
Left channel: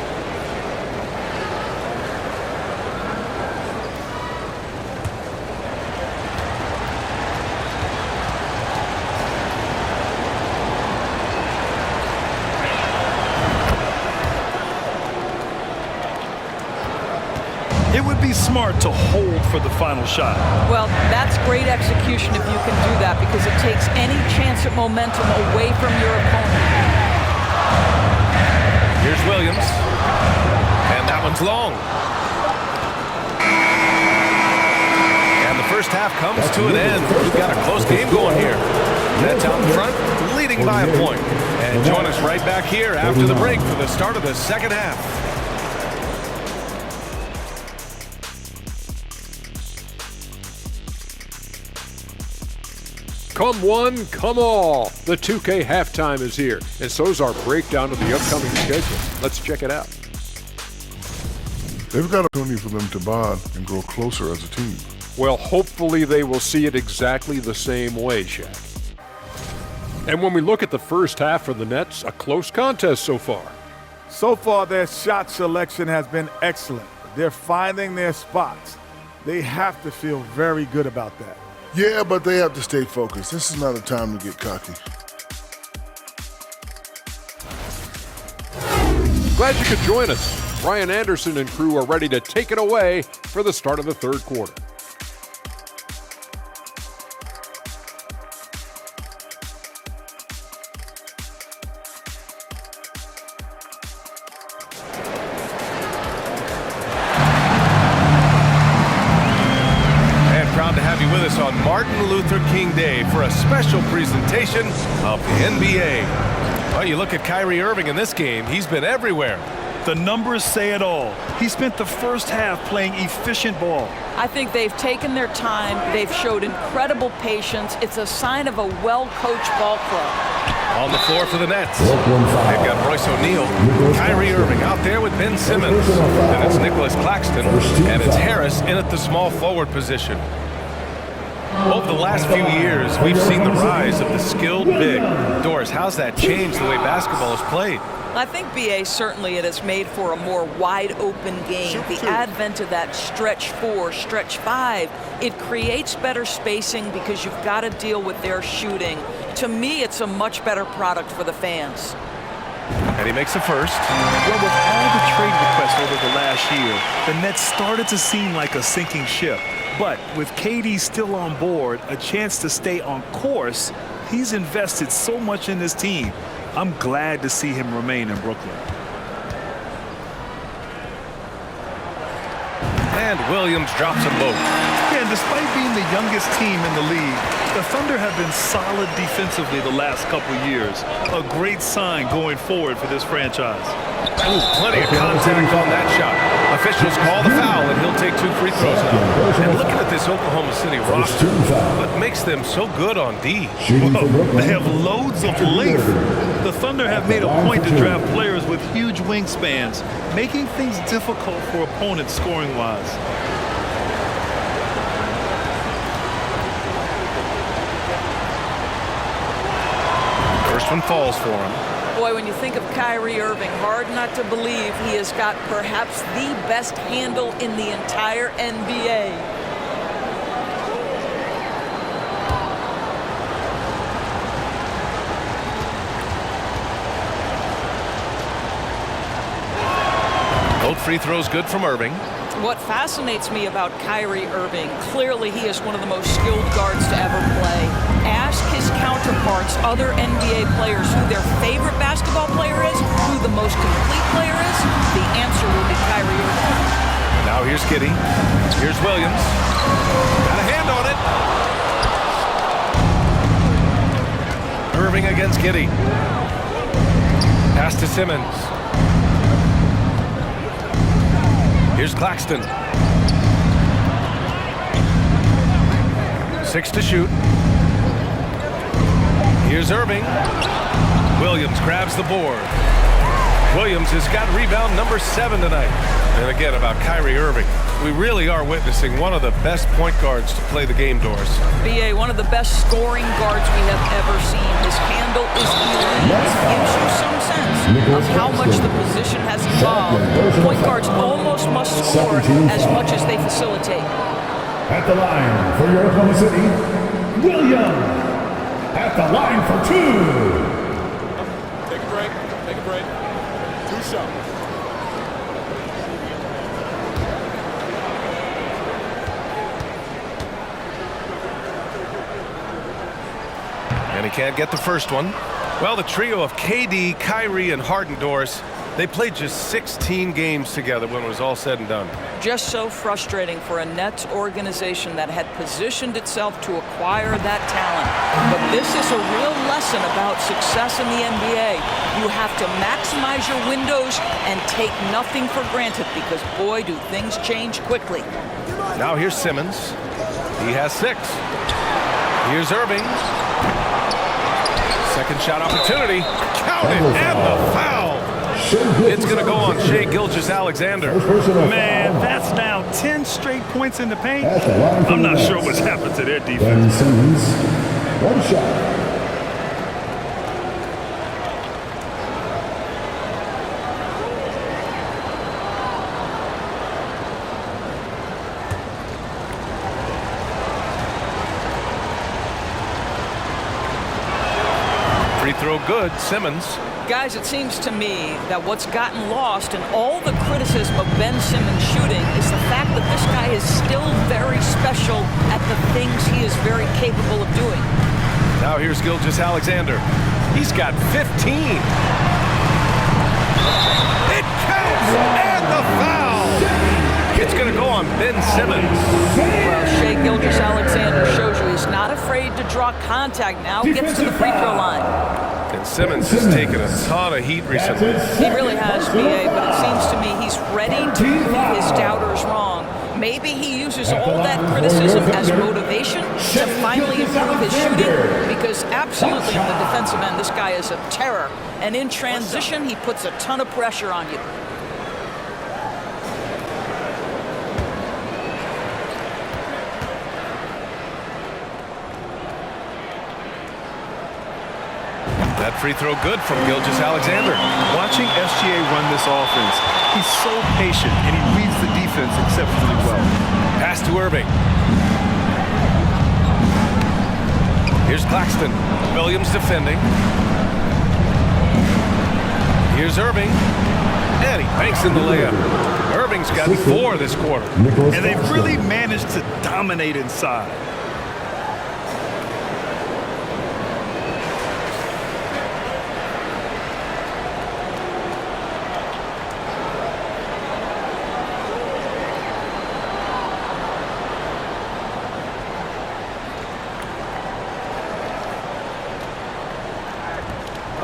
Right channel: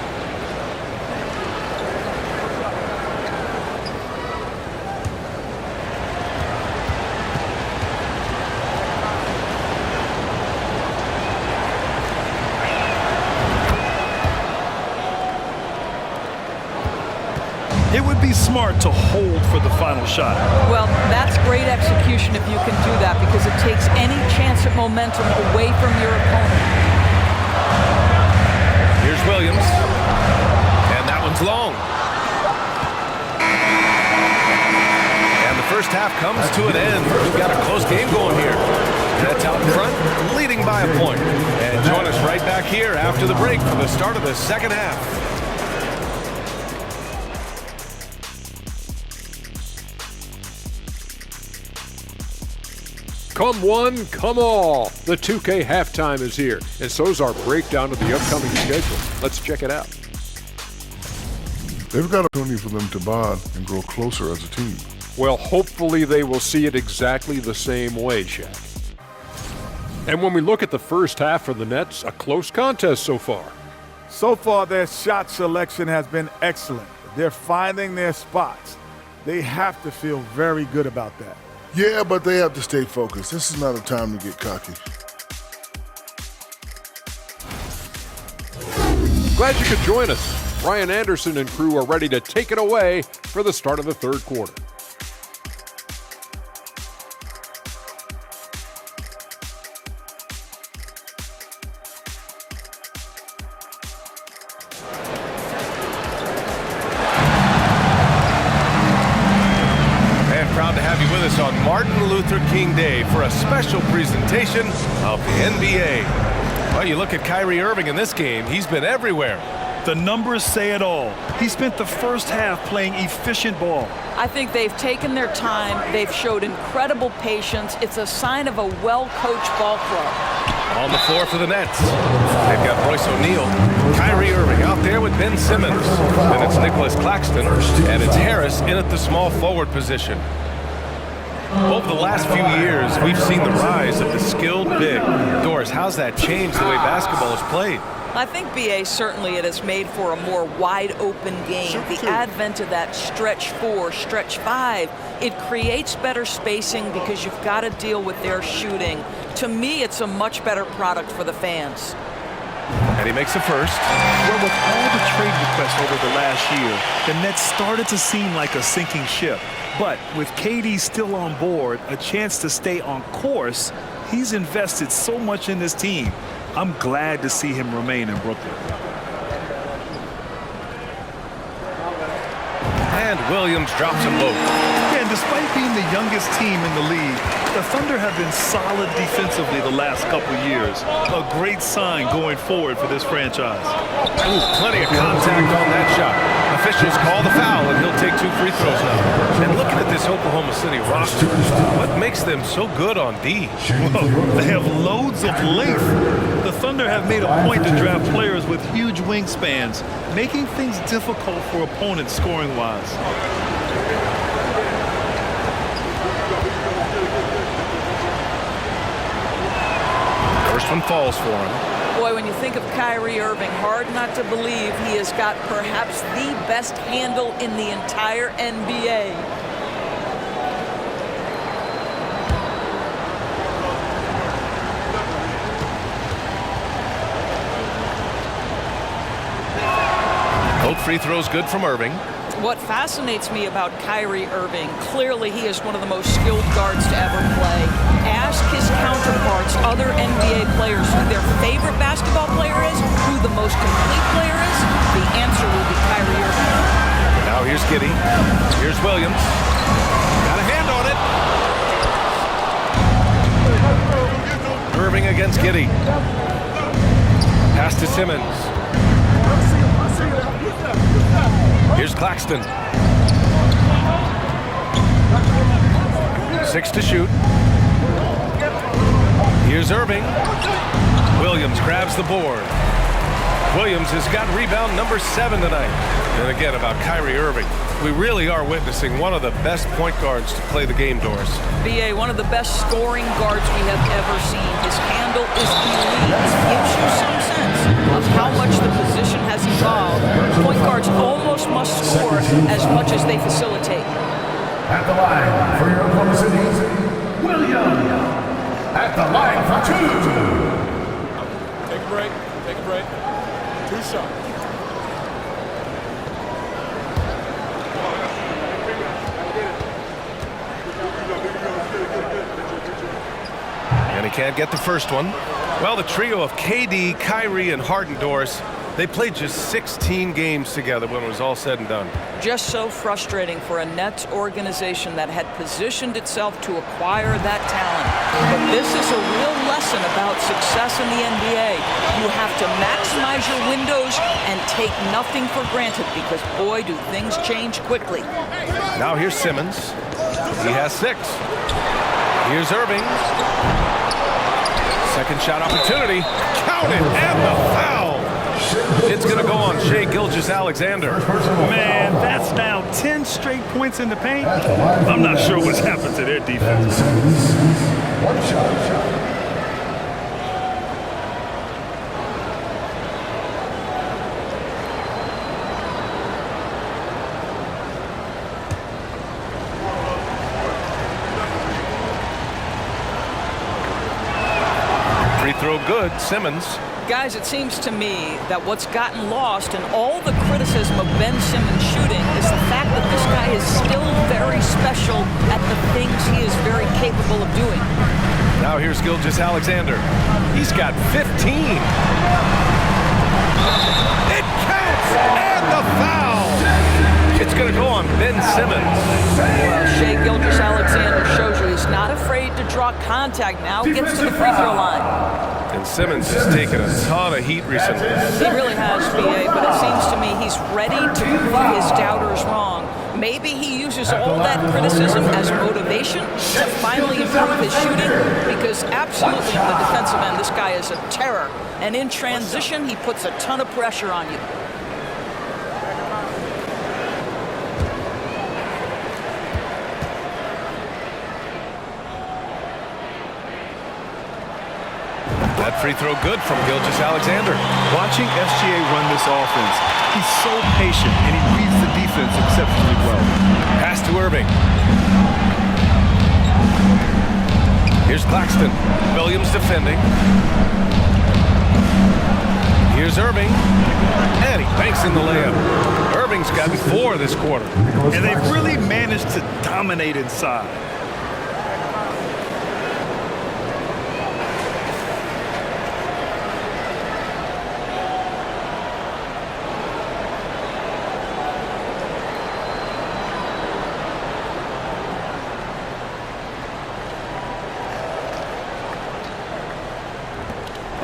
It would be smart to hold for the final shot. Well, that's great execution if you can do that, because it takes any chance at momentum away from your opponent. Here's Williams. And that one's long. And the first half comes to an end. We've got a close game going here. Nets out in front, leading by a point. And join us right back here after the break for the start of the second half. Come one, come all. The 2K halftime is here, and so's our breakdown of the upcoming schedule. Let's check it out. They've got an opportunity for them to bond and grow closer as a team. Well, hopefully they will see it exactly the same way, Shaq. And when we look at the first half for the Nets, a close contest so far. So far, their shot selection has been excellent. They're finding their spots. They have to feel very good about that. Yeah, but they have to stay focused. This is not a time to get cocky. Glad you could join us. Ryan Anderson and crew are ready to take it away for the start of the third quarter. Proud to have you with us on Martin Luther King Day for a special presentation of the NBA. Well, you look at Kyrie Irving in this game, he's been everywhere. The numbers say it all. He spent the first half playing efficient ball. I think they've taken their time. They've showed incredible patience. It's a sign of a well-coached ball club. On the floor for the Nets, they've got Royce O'Neal, Kyrie Irving out there with Ben Simmons. Then it's Nicholas Claxton, and it's Harris in at the small forward position. Over the last few years, we've seen the rise of the skilled big. Doris, how's that changed the way basketball is played? I think, BA, certainly it has made for a more wide-open game. The advent of that stretch 4, stretch 5, it creates better spacing because you've got to deal with their shooting. To me, it's a much better product for the fans. And he makes the first. Well, with all the trade requests over the last year, the Nets started to seem like a sinking ship. But with KD still on board, a chance to stay on course, he's invested so much in this team. I'm glad to see him remain in Brooklyn. And Williams drops them both. Yeah, and despite being the youngest team in the league, the Thunder have been solid defensively the last couple years. A great sign going forward for this franchise. Ooh, plenty of contact on that shot. Officials call the foul, and he'll take 2 free throws now. And looking at this Oklahoma City roster, what makes them so good on D? Well, they have loads of length. The Thunder have made a point to draft players with huge wingspans, making things difficult for opponents scoring-wise. First one falls for him. Boy, when you think of Kyrie Irving, hard not to believe he has got perhaps the best handle in the entire NBA. Both free throws good from Irving. What fascinates me about Kyrie Irving, clearly he is one of the most skilled guards to ever play. Ask his counterparts, other NBA players, who their favorite basketball player is, who the most complete player is. The answer will be Kyrie Irving. Now here's Giddey. Here's Williams. Got a hand on it. Irving against Giddey. Pass to Simmons. Here's Claxton. 6 to shoot. Here's Irving. Williams grabs the board. Williams has got rebound number 7 tonight. And again, about Kyrie Irving, we really are witnessing one of the best point guards to play the game, Doris. BA, one of the best scoring guards we have ever seen. His handle is elite. It gives you some sense of how much the position has evolved. Point guards almost must score as much as they facilitate. At the line for your Oklahoma City, Williams. At the line for 2. Take a break. Take a break. 2 shots. And he can't get the first one. Well, the trio of KD, Kyrie, and Harden, Doris, they played just 16 games together when it was all said and done. Just so frustrating for a Nets organization that had positioned itself to acquire that talent. But this is a real lesson about success in the NBA. You have to maximize your windows and take nothing for granted because, boy, do things change quickly. Now here's Simmons. He has 6. Here's Irving. Second shot opportunity. Count it, and the foul. It's going to go on Shai Gilgeous-Alexander. Man, that's now 10 straight points in the paint. I'm not sure what's happened to their defense. Simmons, 1 shot. Free throw good, Simmons. Guys, it seems to me that what's gotten lost in all the criticism of Ben Simmons shooting is the fact that this guy is still very special at the things he is very capable of doing. Now here's Gilgeous-Alexander. He's got 15. It counts, and the foul. It's going to go on Ben Simmons. Well, Shai Gilgeous-Alexander shows you he's not afraid to draw contact now, gets to the free throw line. And Simmons has taken a ton of heat recently. He really has, BA, but it seems to me he's ready to prove his doubters wrong. Maybe he uses all that criticism as motivation to finally improve his shooting, because absolutely on the defensive end, this guy is a terror. And in transition, he puts a ton of pressure on you. That free throw good from Gilgeous-Alexander. Watching SGA run this offense, he's so patient and he reads the defense exceptionally well. Pass to Irving. Here's Claxton. Williams defending. Here's Irving. And he banks in the layup. Irving's got 4 this quarter. And they've really managed to dominate inside.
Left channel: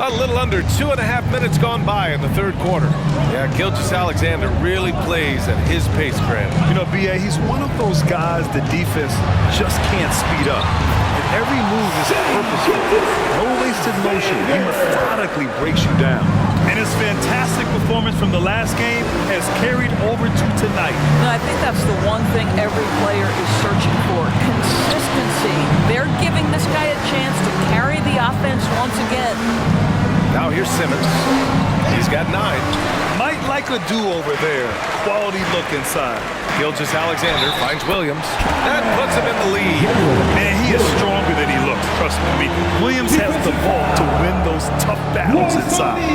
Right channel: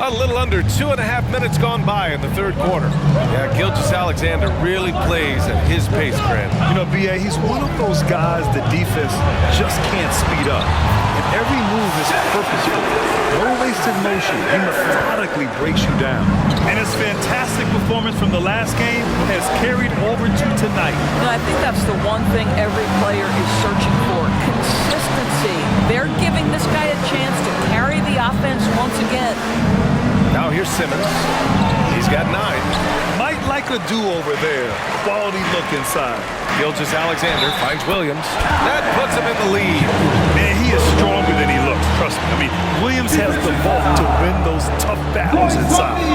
A little under 2.5 minutes gone by in the third quarter. Yeah, Gilgeous-Alexander really plays at his pace, Grant. You know, B.A., he's one of those guys the defense just can't speed up. And every move is purposeful. No wasted motion. He methodically breaks you down. And his fantastic performance from the last game has carried over to tonight. And I think that's the one thing every player is searching for, consistency. They're giving this guy a chance to carry the offense once again. Now here's Simmons. He's got 9. Might like a do-over there. Quality look inside. Gilgeous-Alexander finds Williams. That puts him in the lead. Man, he is stronger than he looks, trust me. I mean, Williams has the bulk to win those tough battles inside.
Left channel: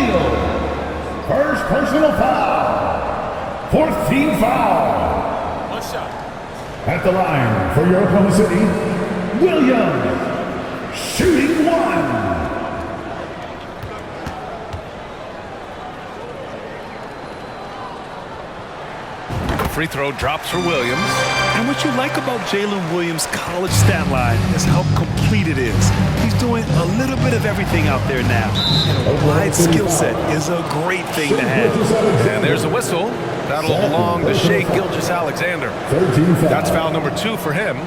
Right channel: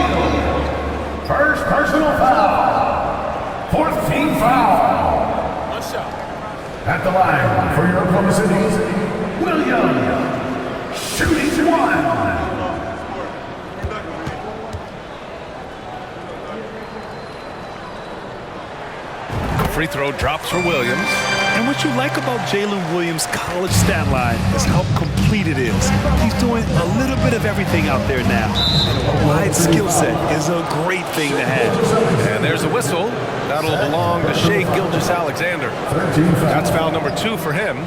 First personal foul. Fourth team foul. One shot. At the line for your Oklahoma City's Williams. Shooting 1. Free throw drops for Williams. And what you like about Jalen Williams' college stat line is how complete it is. He's doing a little bit of everything out there now. And a wide skill set is a great thing to have. And there's a whistle. That'll belong to Shai Gilgeous-Alexander. That's foul number 2 for him.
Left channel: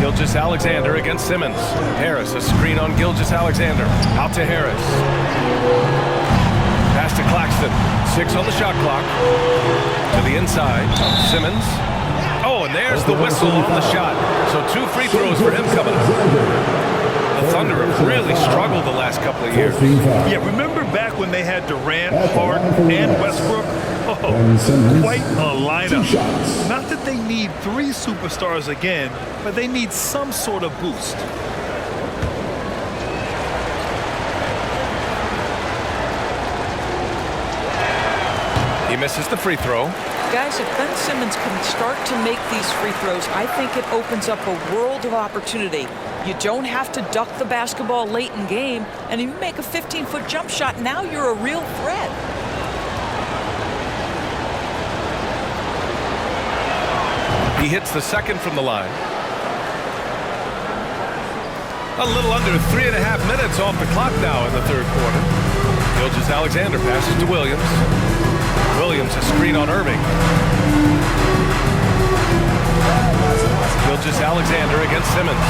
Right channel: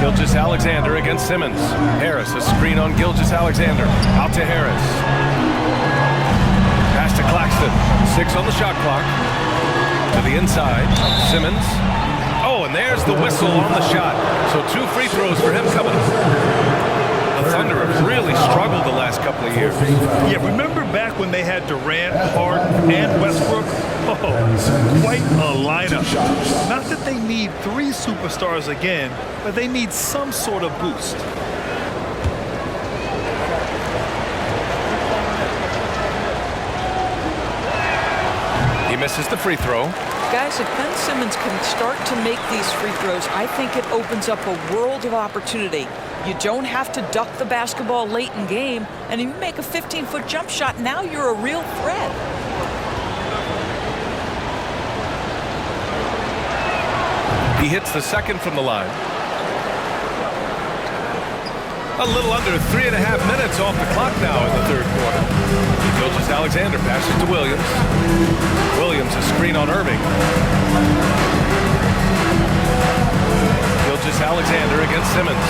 Gilgeous-Alexander against Simmons. Harris, a screen on Gilgeous-Alexander. Out to Harris. Pass to Claxton. 6 on the shot clock. To the inside. Simmons. Oh, and there's the whistle on the shot. So 2 free throws for him coming up. The Thunder have really struggled the last couple of years. Yeah, remember back when they had Durant, Harden, and Westbrook? Oh, quite a lineup. Not that they need 3 superstars again, but they need some sort of boost. He misses the free throw. Guys, if Ben Simmons can start to make these free throws, I think it opens up a world of opportunity. You don't have to duck the basketball late in game, and if you make a 15-foot jump shot, now you're a real threat. He hits the second from the line. A little under 3.5 minutes off the clock now in the third quarter. Gilgeous-Alexander passes to Williams. Williams, a screen on Irving. Gilgeous-Alexander against Simmons.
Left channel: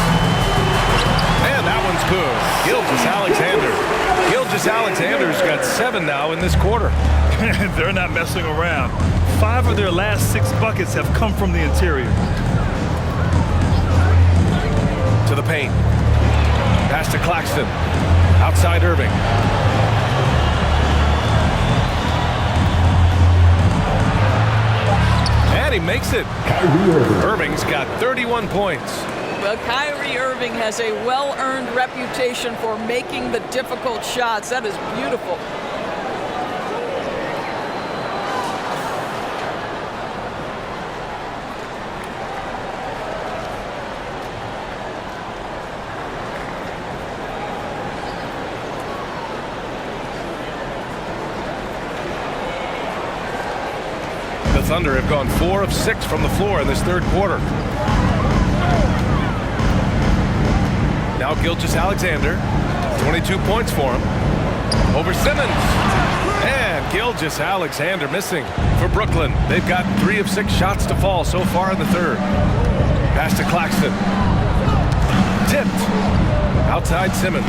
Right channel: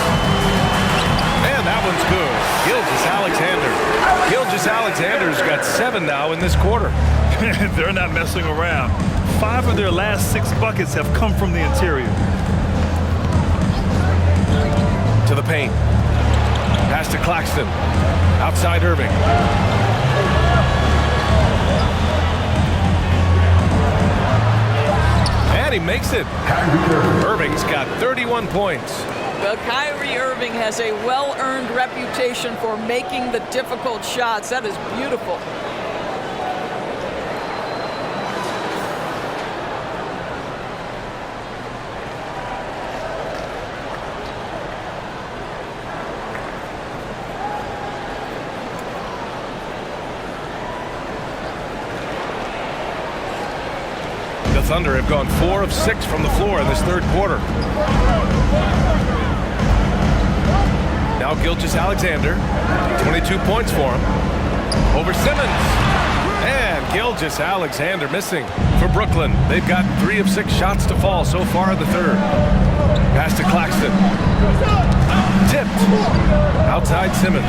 And that one's good. Gilgeous-Alexander. Gilgeous-Alexander's got 7 now in this quarter. They're not messing around. 5 of their last 6 buckets have come from the interior. To the paint. Pass to Claxton. Outside Irving. And he makes it. Irving's got 31 points. Well, Kyrie Irving has a well-earned reputation for making the difficult shots. That is beautiful. The Thunder have gone 4 of 6 from the floor in this third quarter. Now Gilgeous-Alexander, 22 points for him. Over Simmons. And Gilgeous-Alexander missing for Brooklyn. They've got 3 of 6 shots to fall so far in the third. Pass to Claxton. Tipped. Outside Simmons.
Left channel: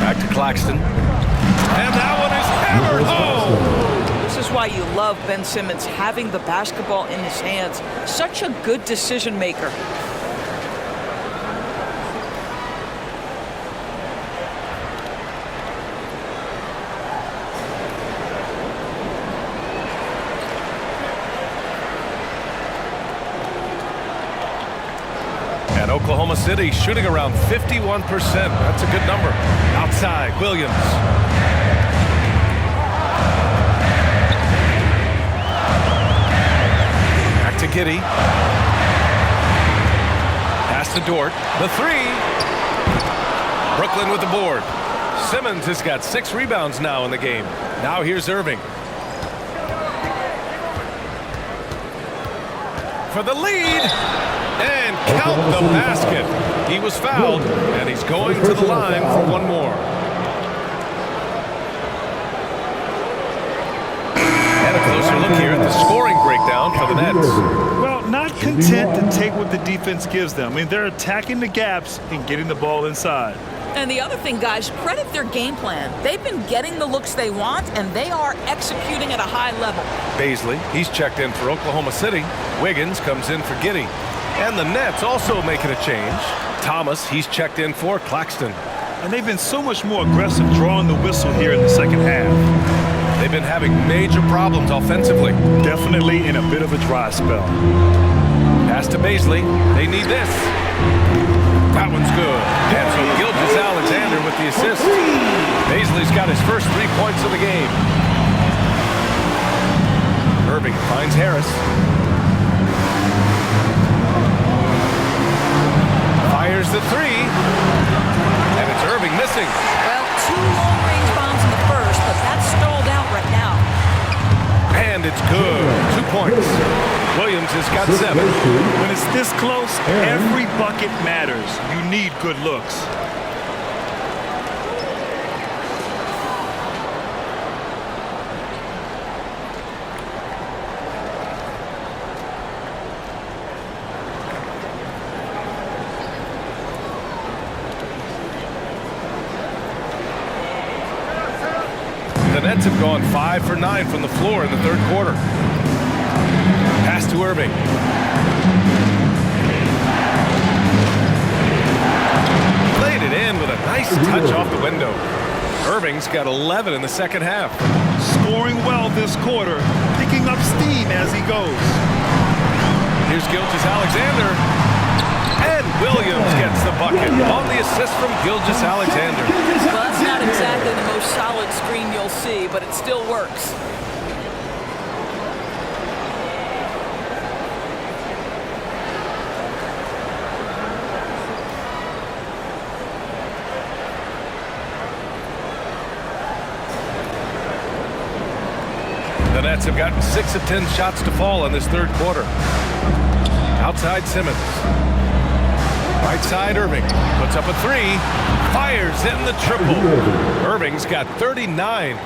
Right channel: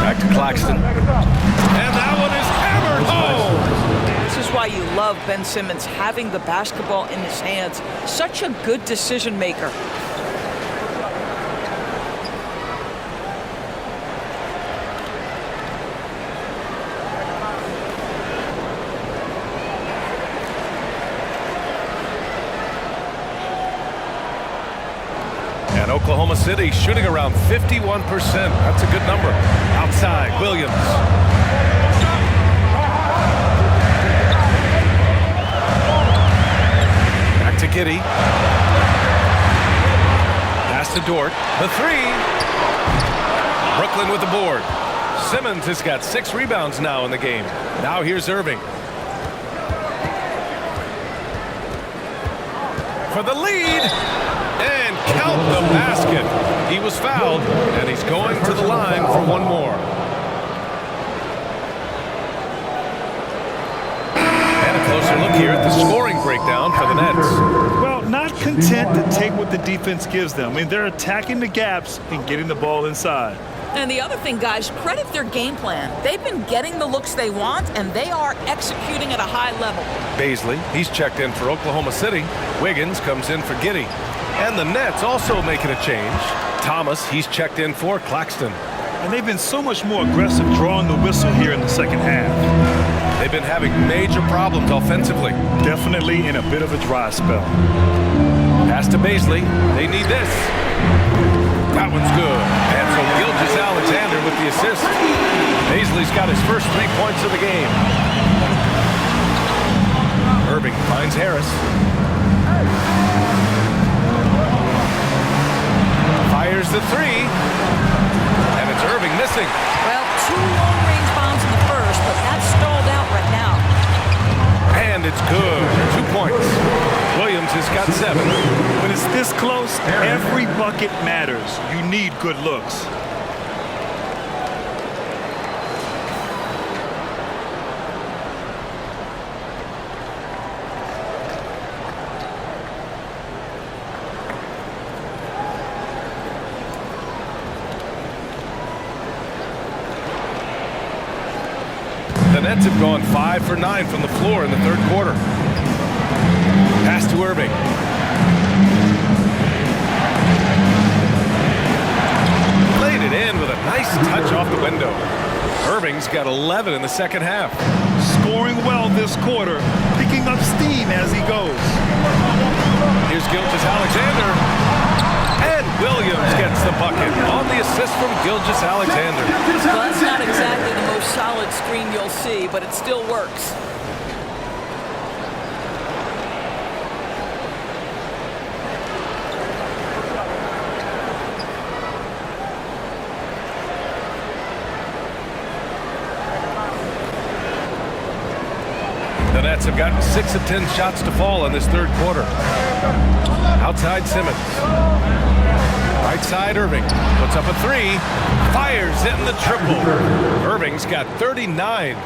Back to Claxton. And that one is hammered home. This is why you love Ben Simmons having the basketball in his hands. Such a good decision maker. And Oklahoma City shooting around 51%. That's a good number. Outside, Williams. Back to Giddey. Pass to Dort. The 3. Brooklyn with the board. Simmons has got 6 rebounds now in the game. Now here's Irving. for the lead. And count the basket. He was fouled, and he's going to the line for one more. And a closer look here at the scoring breakdown for the Nets. Well, not content to take what the defense gives them. I mean, they're attacking the gaps and getting the ball inside. And the other thing, guys, credit their game plan. They've been getting the looks they want, and they are executing at a high level. Baisley, he's checked in for Oklahoma City. Wiggins comes in for Giddey. And the Nets also making a change. Thomas, he's checked in for Claxton. And they've been so much more aggressive drawing the whistle here in the second half. They've been having major problems offensively. Definitely in a bit of a dry spell. Pass to Baisley. They need this. That one's good. And so Gilgeous-Alexander with the assist. Baisley's got his first 3 points of the game. Irving finds Harris. Fires the three. And it's Irving missing. Well, 2 long-range bombs in the first, but that's stalled out right now. And it's good. 2 points. Williams has got 7. When it's this close, every bucket matters. You need good looks. The Nets have gone 5 for 9 from the floor in the third quarter. Pass to Irving. Laid it in with a nice touch off the window. Irving's got 11 in the second half. Scoring well this quarter, picking up steam as he goes. Here's Gilgeous-Alexander. And Williams gets the bucket on the assist from Gilgeous-Alexander. Well, that's not exactly the most solid screen you'll see, but it still works. The Nets have gotten 6 of 10 shots to fall in this third quarter. Outside Simmons. Right side Irving. Puts up a 3. Fires hitting the triple. Irving's got 39.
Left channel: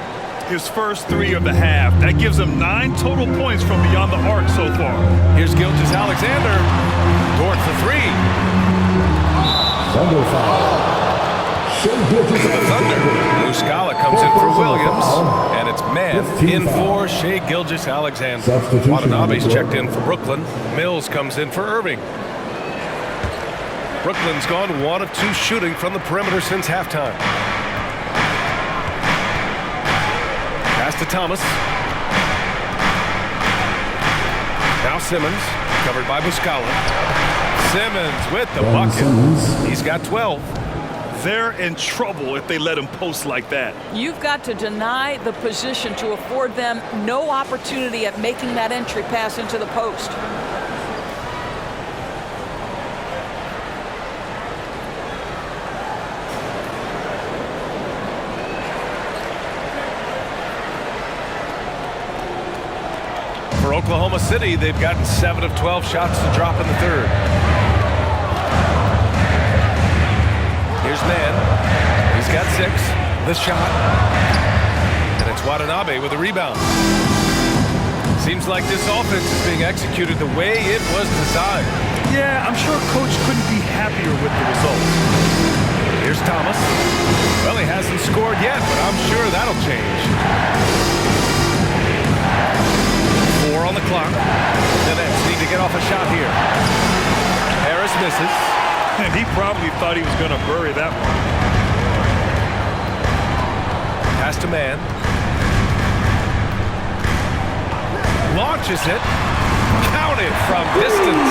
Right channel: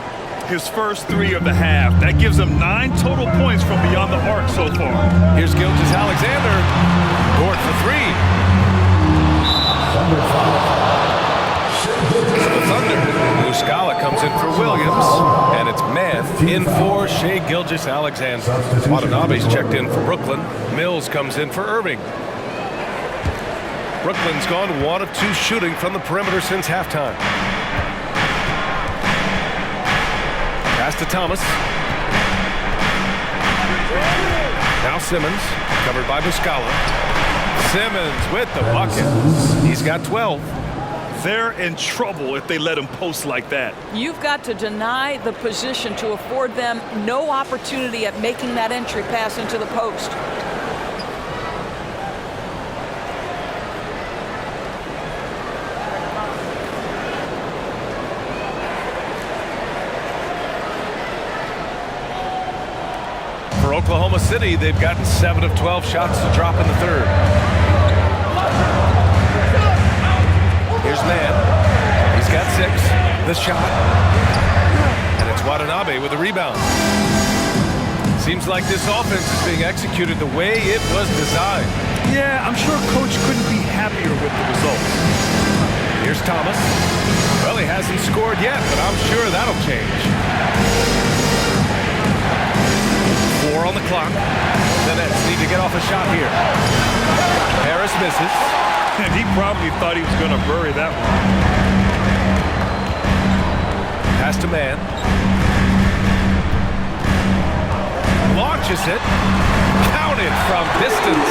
His first 3 of the half. That gives him 9 total points from beyond the arc so far. Here's Gilgeous-Alexander. Dort for 3. For the Thunder, Muscala comes in for Williams, and it's man in for Shai Gilgeous-Alexander. Watanabe's checked in for Brooklyn. Mills comes in for Irving. Brooklyn's gone 1 of 2 shooting from the perimeter since halftime. Pass to Thomas. Now Simmons, covered by Muscala. Simmons with the bucket. He's got 12. They're in trouble if they let him post like that. You've got to deny the position to afford them no opportunity at making that entry pass into the post. For Oklahoma City, they've gotten 7 of 12 shots to drop in the third. Here's Mann. He's got 6. The shot. And it's Watanabe with a rebound. Seems like this offense is being executed the way it was designed. Yeah, I'm sure Coach couldn't be happier with the results. Here's Thomas. Well, he hasn't scored yet, but I'm sure that'll change. 4 on the clock. The Nets need to get off a shot here. Harris misses. And he probably thought he was going to bury that one. Pass to Mann. Launches it. Counted from distance.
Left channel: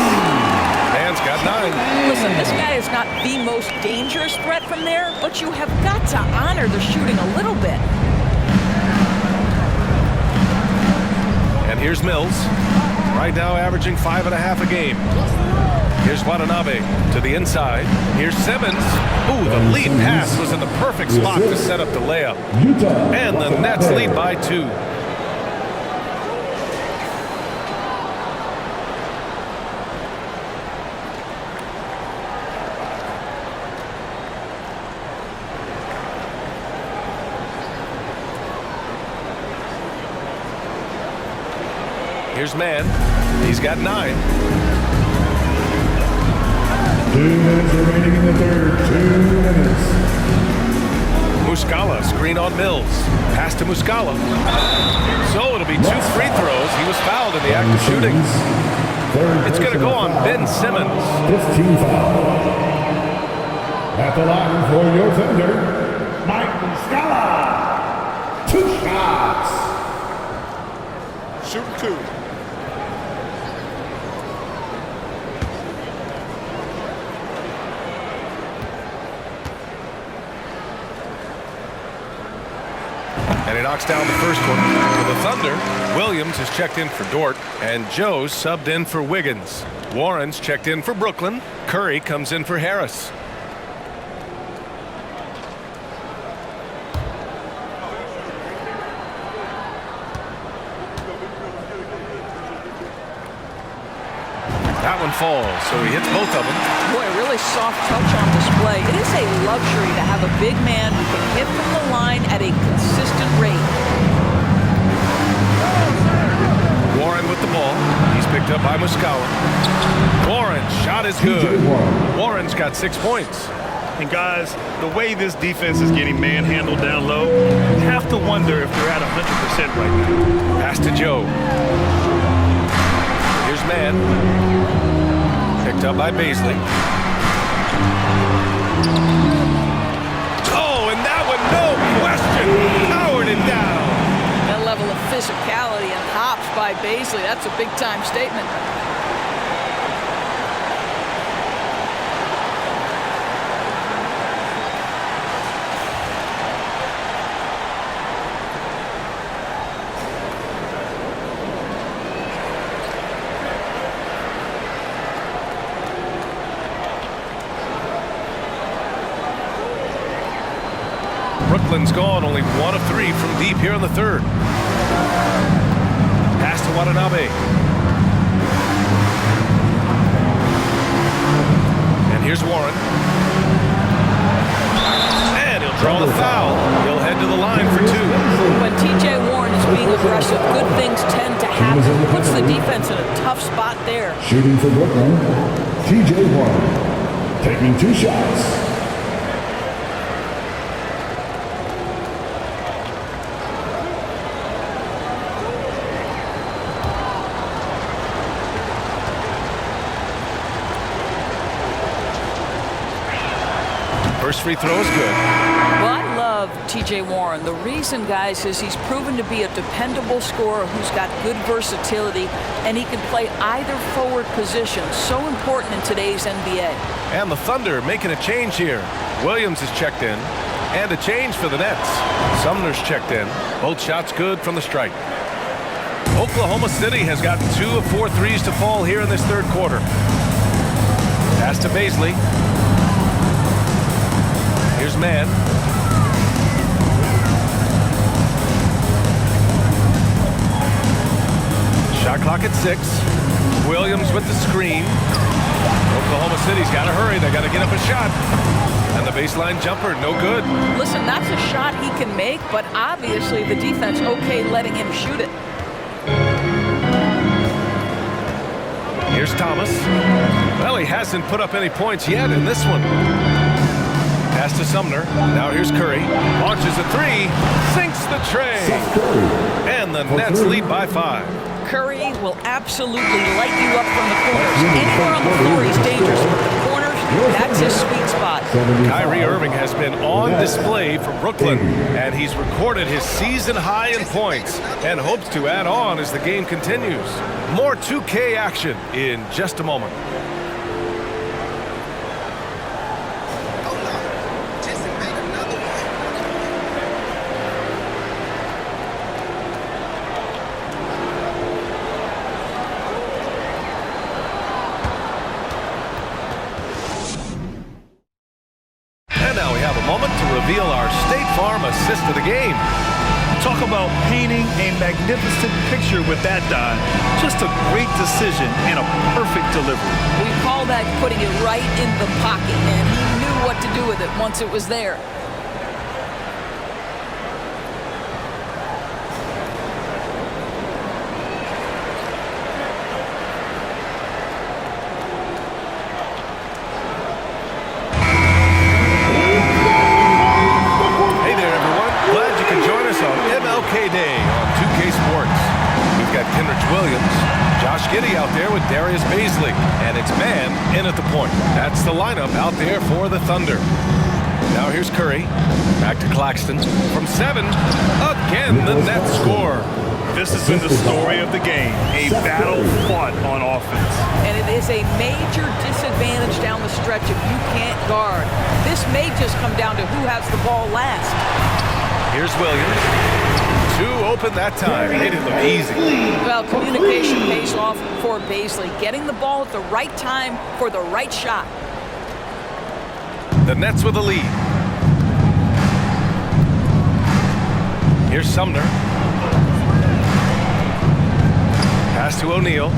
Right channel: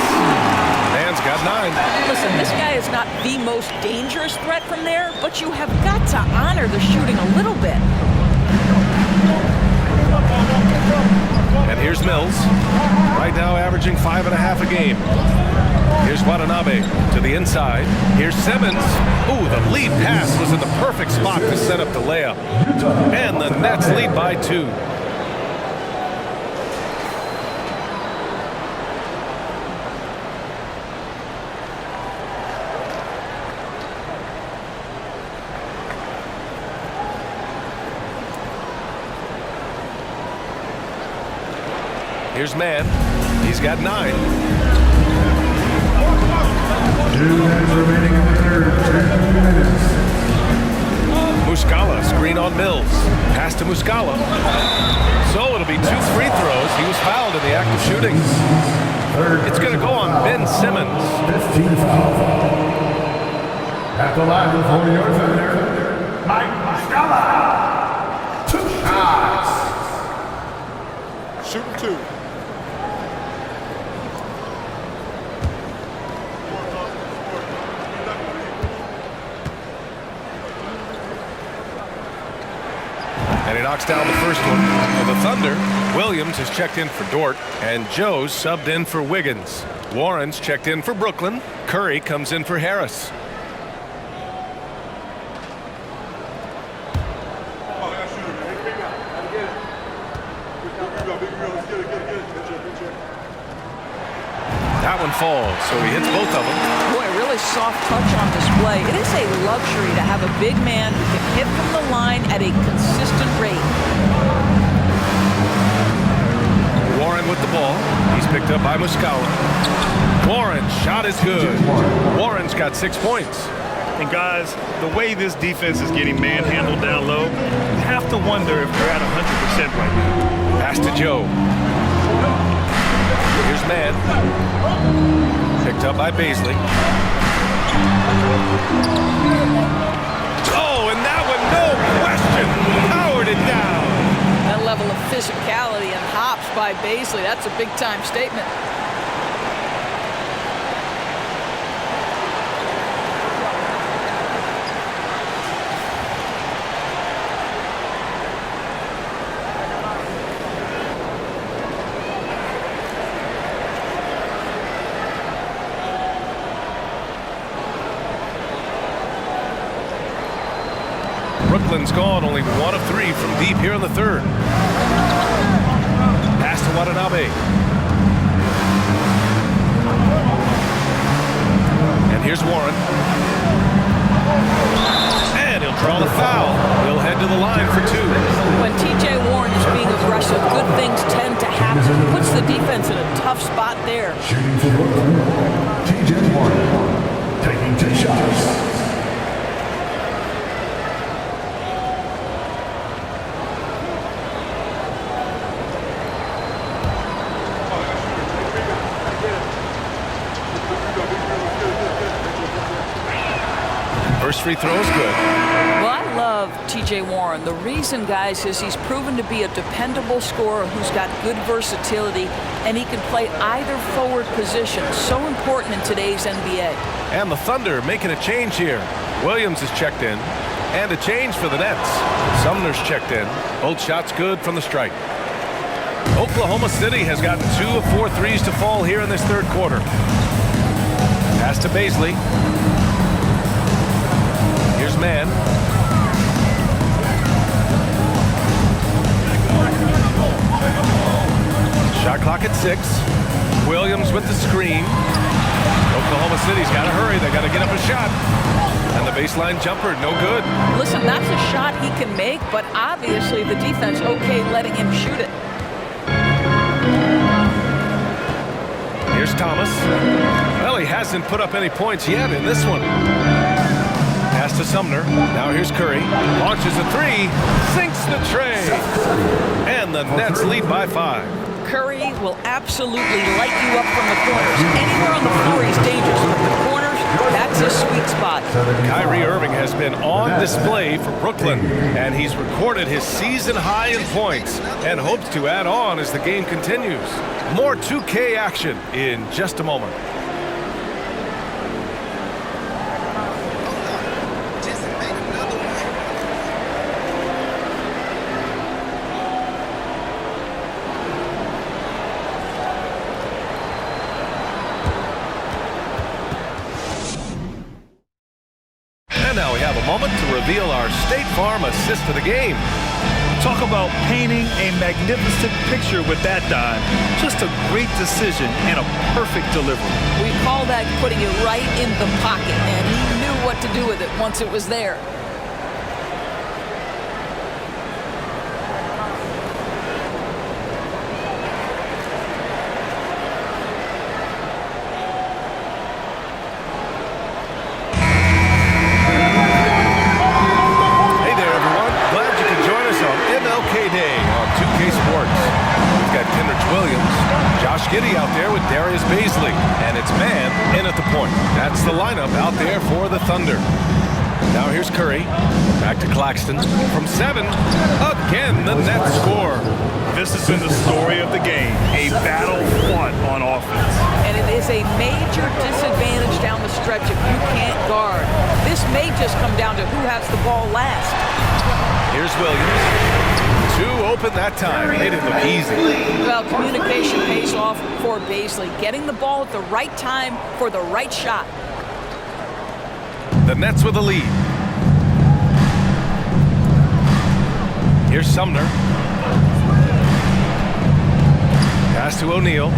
Mann's got 9. Listen, this guy is not the most dangerous threat from there, but you have got to honor the shooting a little bit. And here's Mills. Right now averaging 5.5 a game. Here's Watanabe to the inside. Here's Simmons. Ooh, the lead pass was in the perfect spot to set up the layup. And the Nets lead by 2. Here's Mann. He's got 9. 2 minutes remaining in the third. 2 minutes. Muscala, screen on Mills. Pass to Muscala. So it'll be 2 free throws. He was fouled in the act of shooting. It's going to go on Ben Simmons. 15 foul. At the line for your defender, Mike Muscala. 2 shots. Shooting 2. And he knocks down the first one. For the Thunder, Williams has checked in for Dort, and Joe's subbed in for Wiggins. Warren's checked in for Brooklyn. Curry comes in for Harris. That one falls, so he hits both of them. Boy, really soft touch on display. It is a luxury to have a big man who can hit from the line at a consistent rate. Warren with the ball. He's picked up by Muscala. Warren's shot is good. Warren's got 6 points. And guys, the way this defense is getting manhandled down low, you have to wonder if they're at 100% right now. Pass to Joe. Here's Mann. Picked up by Baisley. Oh, and that one, no question, powered it down. That level of physicality and hops by Baisley, that's a big-time statement. Brooklyn's gone, only 1 of 3 from deep here in the third. Pass to Watanabe. And here's Warren. And he'll draw the foul. He'll head to the line for 2. When TJ Warren is being aggressive, good things tend to happen. Puts the defense in a tough spot there. Shooting for Brooklyn, TJ Warren. Taking 2 shots. First free throw is good. Well, I love TJ Warren. The reason, guys, is he's proven to be a dependable scorer who's got good versatility, and he can play either forward position. So important in today's NBA. And the Thunder making a change here. Williams is checked in. And a change for the Nets. Sumner's checked in. Both shots good from the strike. Oklahoma City has gotten 2 of 4 threes to fall here in this third quarter. Pass to Baisley. Here's Mann. Shot clock at 6. Williams with the screen. Oklahoma City's got to hurry. They got to get up a shot. And the baseline jumper, no good. Listen, that's a shot he can make, but obviously the defense okay letting him shoot it. Here's Thomas. Well, he hasn't put up any points yet in this one. Pass to Sumner. Now here's Curry. Launches a 3. Sinks the tray. And the Nets lead by 5. Curry will absolutely light you up from the corners. Anywhere on the floor, he's dangerous, but the corners, that's his sweet spot. Kyrie Irving has been on display for Brooklyn, and he's recorded his season high in points and hopes to add on as the game continues. More 2K action in just a moment. And now we have a moment to reveal our State Farm assist of the game. Talk about painting a magnificent picture with that dime. Just a great decision and a perfect delivery. We call that putting it right in the pocket, and he knew what to do with it once it was there. Tagay Day on 2K Sports. We've got Kenrich Williams, Josh Giddey out there with Darius Baisley, and it's man in at the point. That's the lineup out there for the Thunder. Now here's Curry, back to Claxton. From 7, again the net score. This has been the story of the game, a battle fought on offense. And it is a major disadvantage down the stretch if you can't guard. This may just come down to who has the ball last. Here's Williams. 2 open that time. Made it look easy. Well, communication pays off for Baisley. Getting the ball at the right time for the right shot. The Nets with a lead. Here's Sumner. Pass to O'Neal.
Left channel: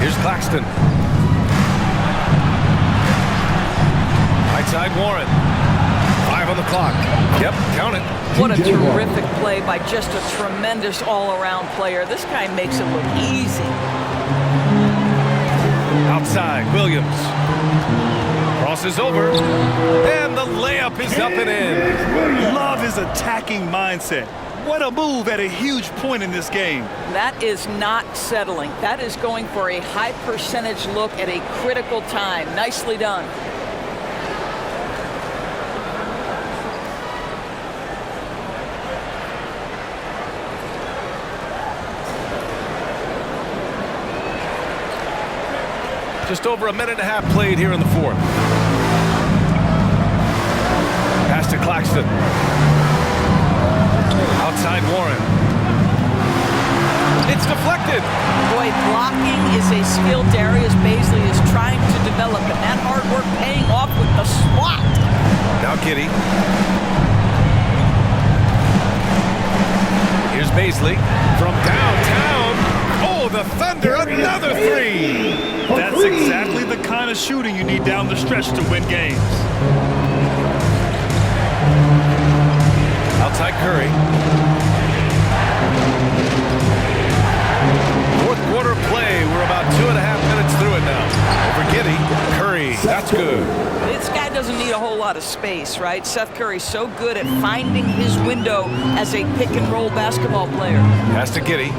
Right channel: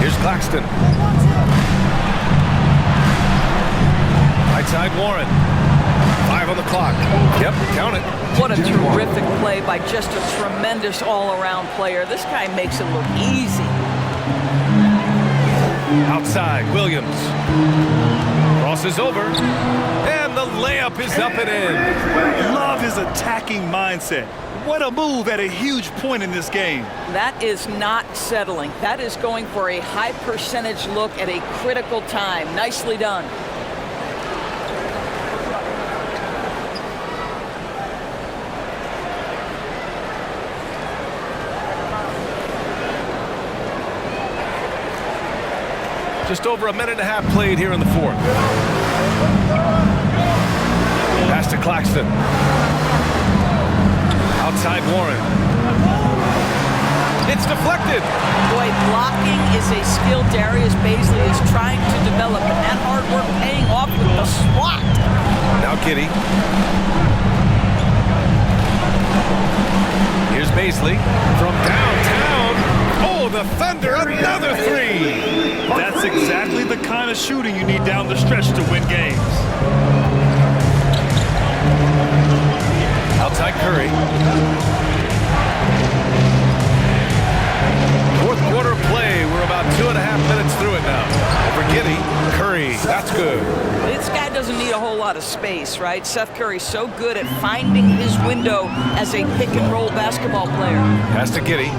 Here's Claxton. Right side Warren. 5 on the clock. Yep, count it. What a terrific play by just a tremendous all-around player. This guy makes it look easy. Outside, Williams. Crosses over. And the layup is up and in. Love his attacking mindset. What a move at a huge point in this game. That is not settling. That is going for a high percentage look at a critical time. Nicely done. Just over a minute and a half played here in the 4th. Pass to Claxton. Outside Warren. It's deflected. Boy, blocking is a skill Darius Baisley is trying to develop, and that hard work paying off with the swat. Now Giddey. Here's Baisley from downtown. Oh, the Thunder, another 3. That's exactly the kind of shooting you need down the stretch to win games. Outside Curry. 4th quarter play. We're about 2.5 minutes through it now. Over Giddey. Curry. That's good. This guy doesn't need a whole lot of space, right? Seth Curry's so good at finding his window as a pick-and-roll basketball player. Pass to Giddey.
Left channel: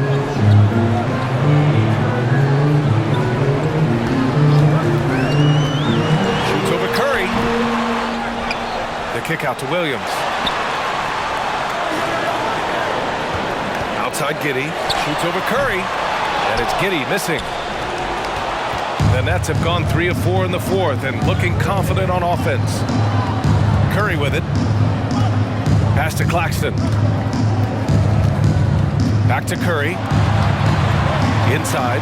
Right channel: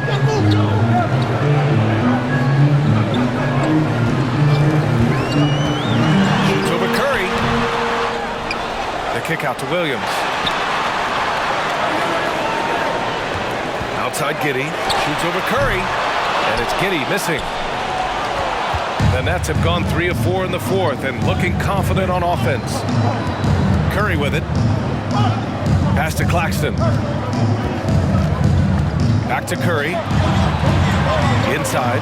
Shoots over Curry. The kick out to Williams. Outside Giddey. Shoots over Curry. And it's Giddey missing. The Nets have gone 3 of 4 in the 4th and looking confident on offense. Curry with it. Pass to Claxton. Back to Curry. Inside.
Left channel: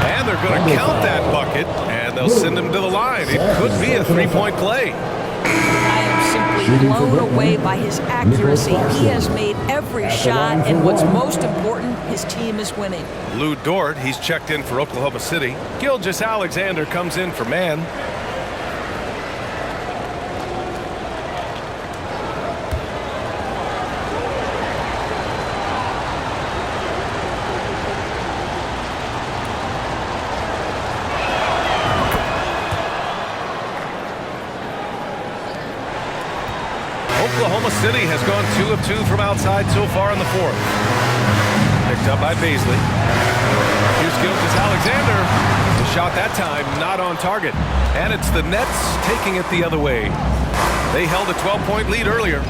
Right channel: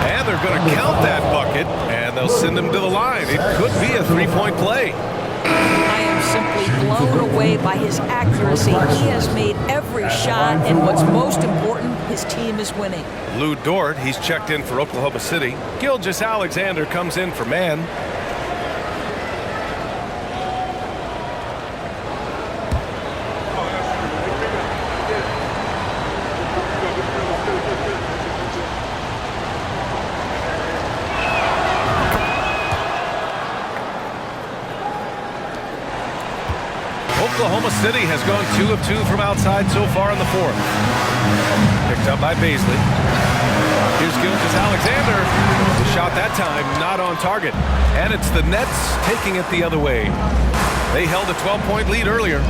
And they're going to count that bucket, and they'll send him to the line. It could be a 3-point play. I am simply blown away by his accuracy. He has made every shot, and what's most important, his team is winning. Lou Dort, he's checked in for Oklahoma City. Gilgeous-Alexander comes in for man. Oklahoma City has gone 2 of 2 from outside so far in the 4th. Picked up by Baisley. Here's Gilgeous-Alexander. The shot that time not on target. And it's the Nets taking it the other way. They held a 12-point lead earlier.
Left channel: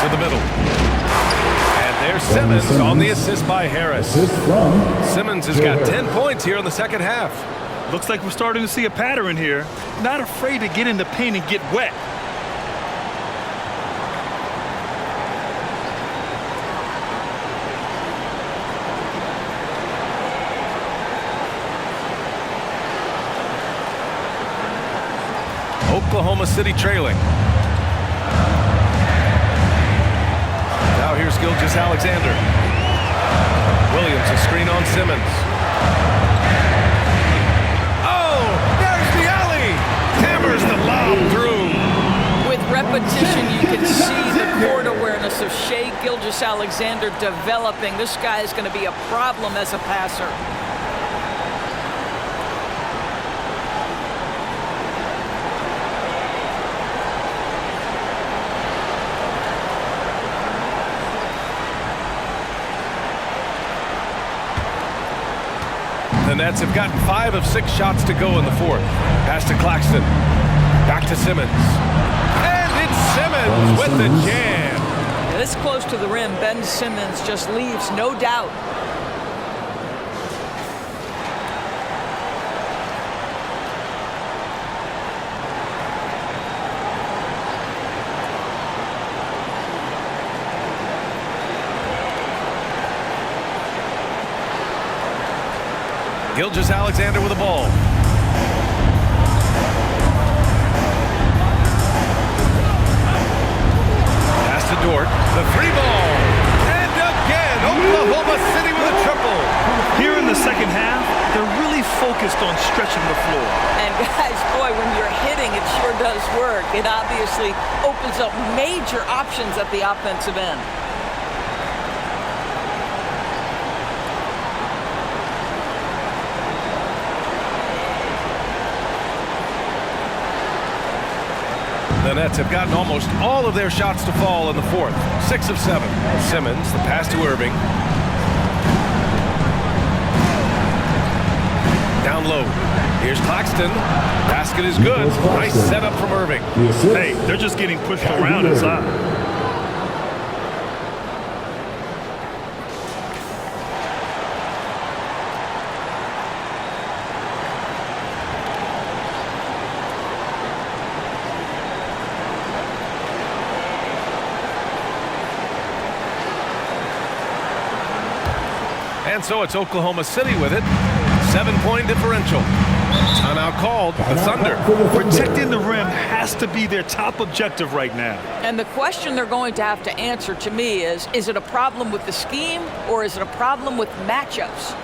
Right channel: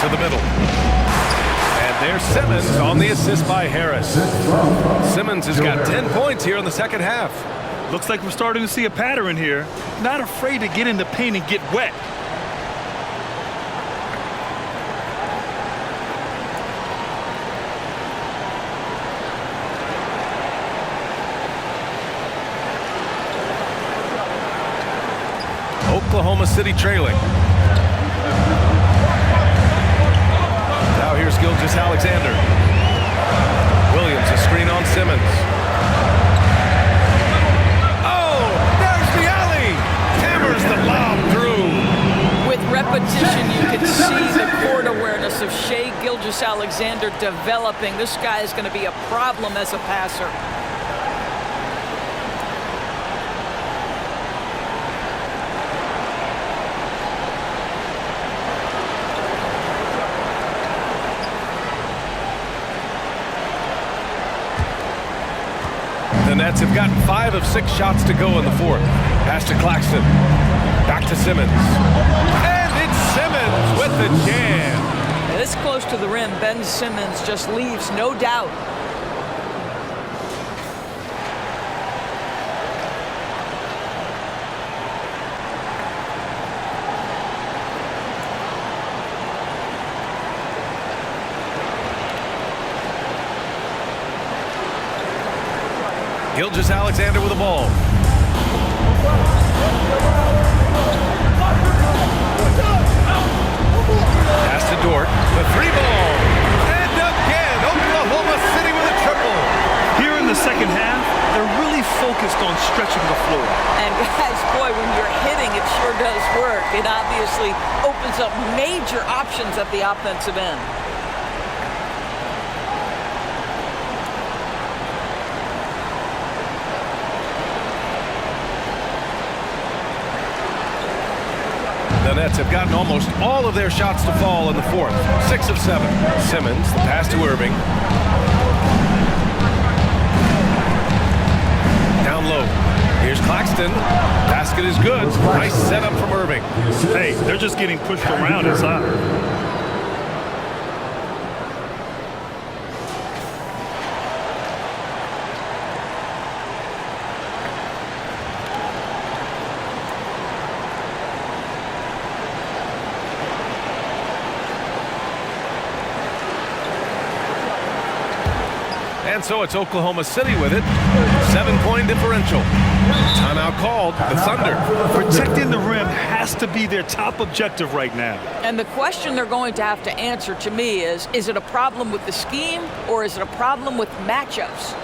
To the middle. And there's Simmons on the assist by Harris. Simmons has got 10 points here in the 2nd half. Looks like we're starting to see a pattern here. Not afraid to get in the paint and get wet. Oklahoma City trailing. Now here's Gilgeous-Alexander. Williams, a screen on Simmons. Hammers the lob through. With repetition, you can see the court awareness of Shai Gilgeous-Alexander developing. This guy is going to be a problem as a passer. The Nets have gotten 5 of 6 shots to go in the fourth. Pass to Claxton. Back to Simmons. And it's Simmons with the jam. This close to the rim, Ben Simmons just leaves, no doubt. Gilgeous-Alexander with the ball. Pass to Dort. The 3-ball. And again, Oklahoma City with a triple. Here in the second half, they're really focused on stretching the floor. And guys, boy, when you're hitting, it sure does work. It obviously opens up major options at the offensive end. The Nets have gotten almost all of their shots to fall in the fourth. 6 of 7. Simmons, the pass to Irving. Down low. Here's Claxton. Basket is good. Nice setup from Irving. Hey, they're just getting pushed around inside. And so it's Oklahoma City with it. 7-point differential. Timeout called. The Thunder. Protecting the rim has to be their top objective right now. And the question they're going to have to answer to me is it a problem with the scheme or is it a problem with matchups?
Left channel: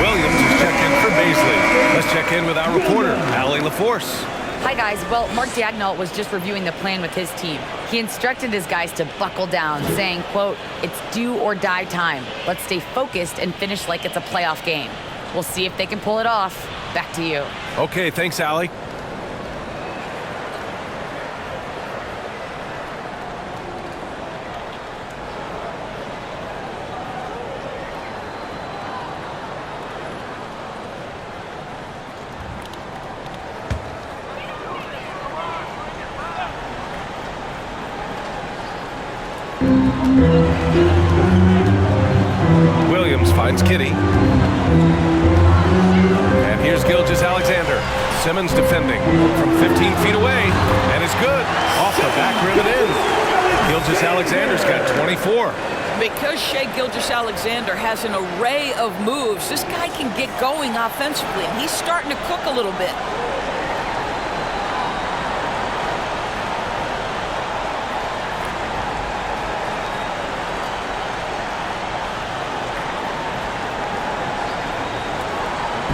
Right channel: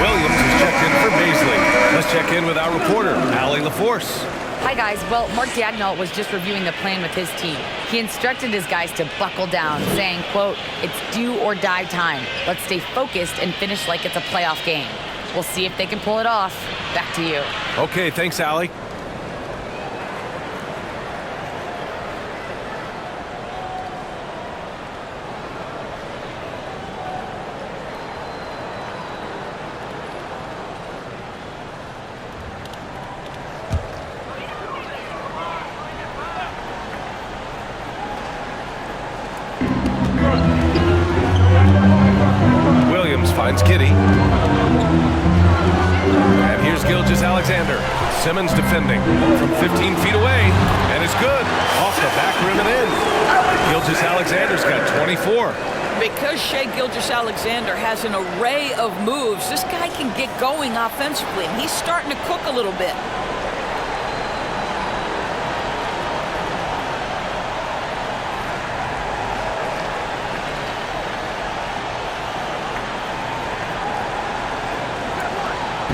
Williams is checked in for Baisley. Let's check in with our reporter, Allie LaForce. Hi, guys. Well, Mark Daigneault was just reviewing the plan with his team. He instructed his guys to buckle down, saying, quote, "It's do or die time. Let's stay focused and finish like it's a playoff game." We'll see if they can pull it off. Back to you. Okay, thanks, Allie. Williams finds Kitty. And here's Gilgeous-Alexander. Simmons defending from 15 feet away. And it's good. Off the back rim and in. Gilgeous-Alexander's got 24. Because Shai Gilgeous-Alexander has an array of moves, this guy can get going offensively, and he's starting to cook a little bit.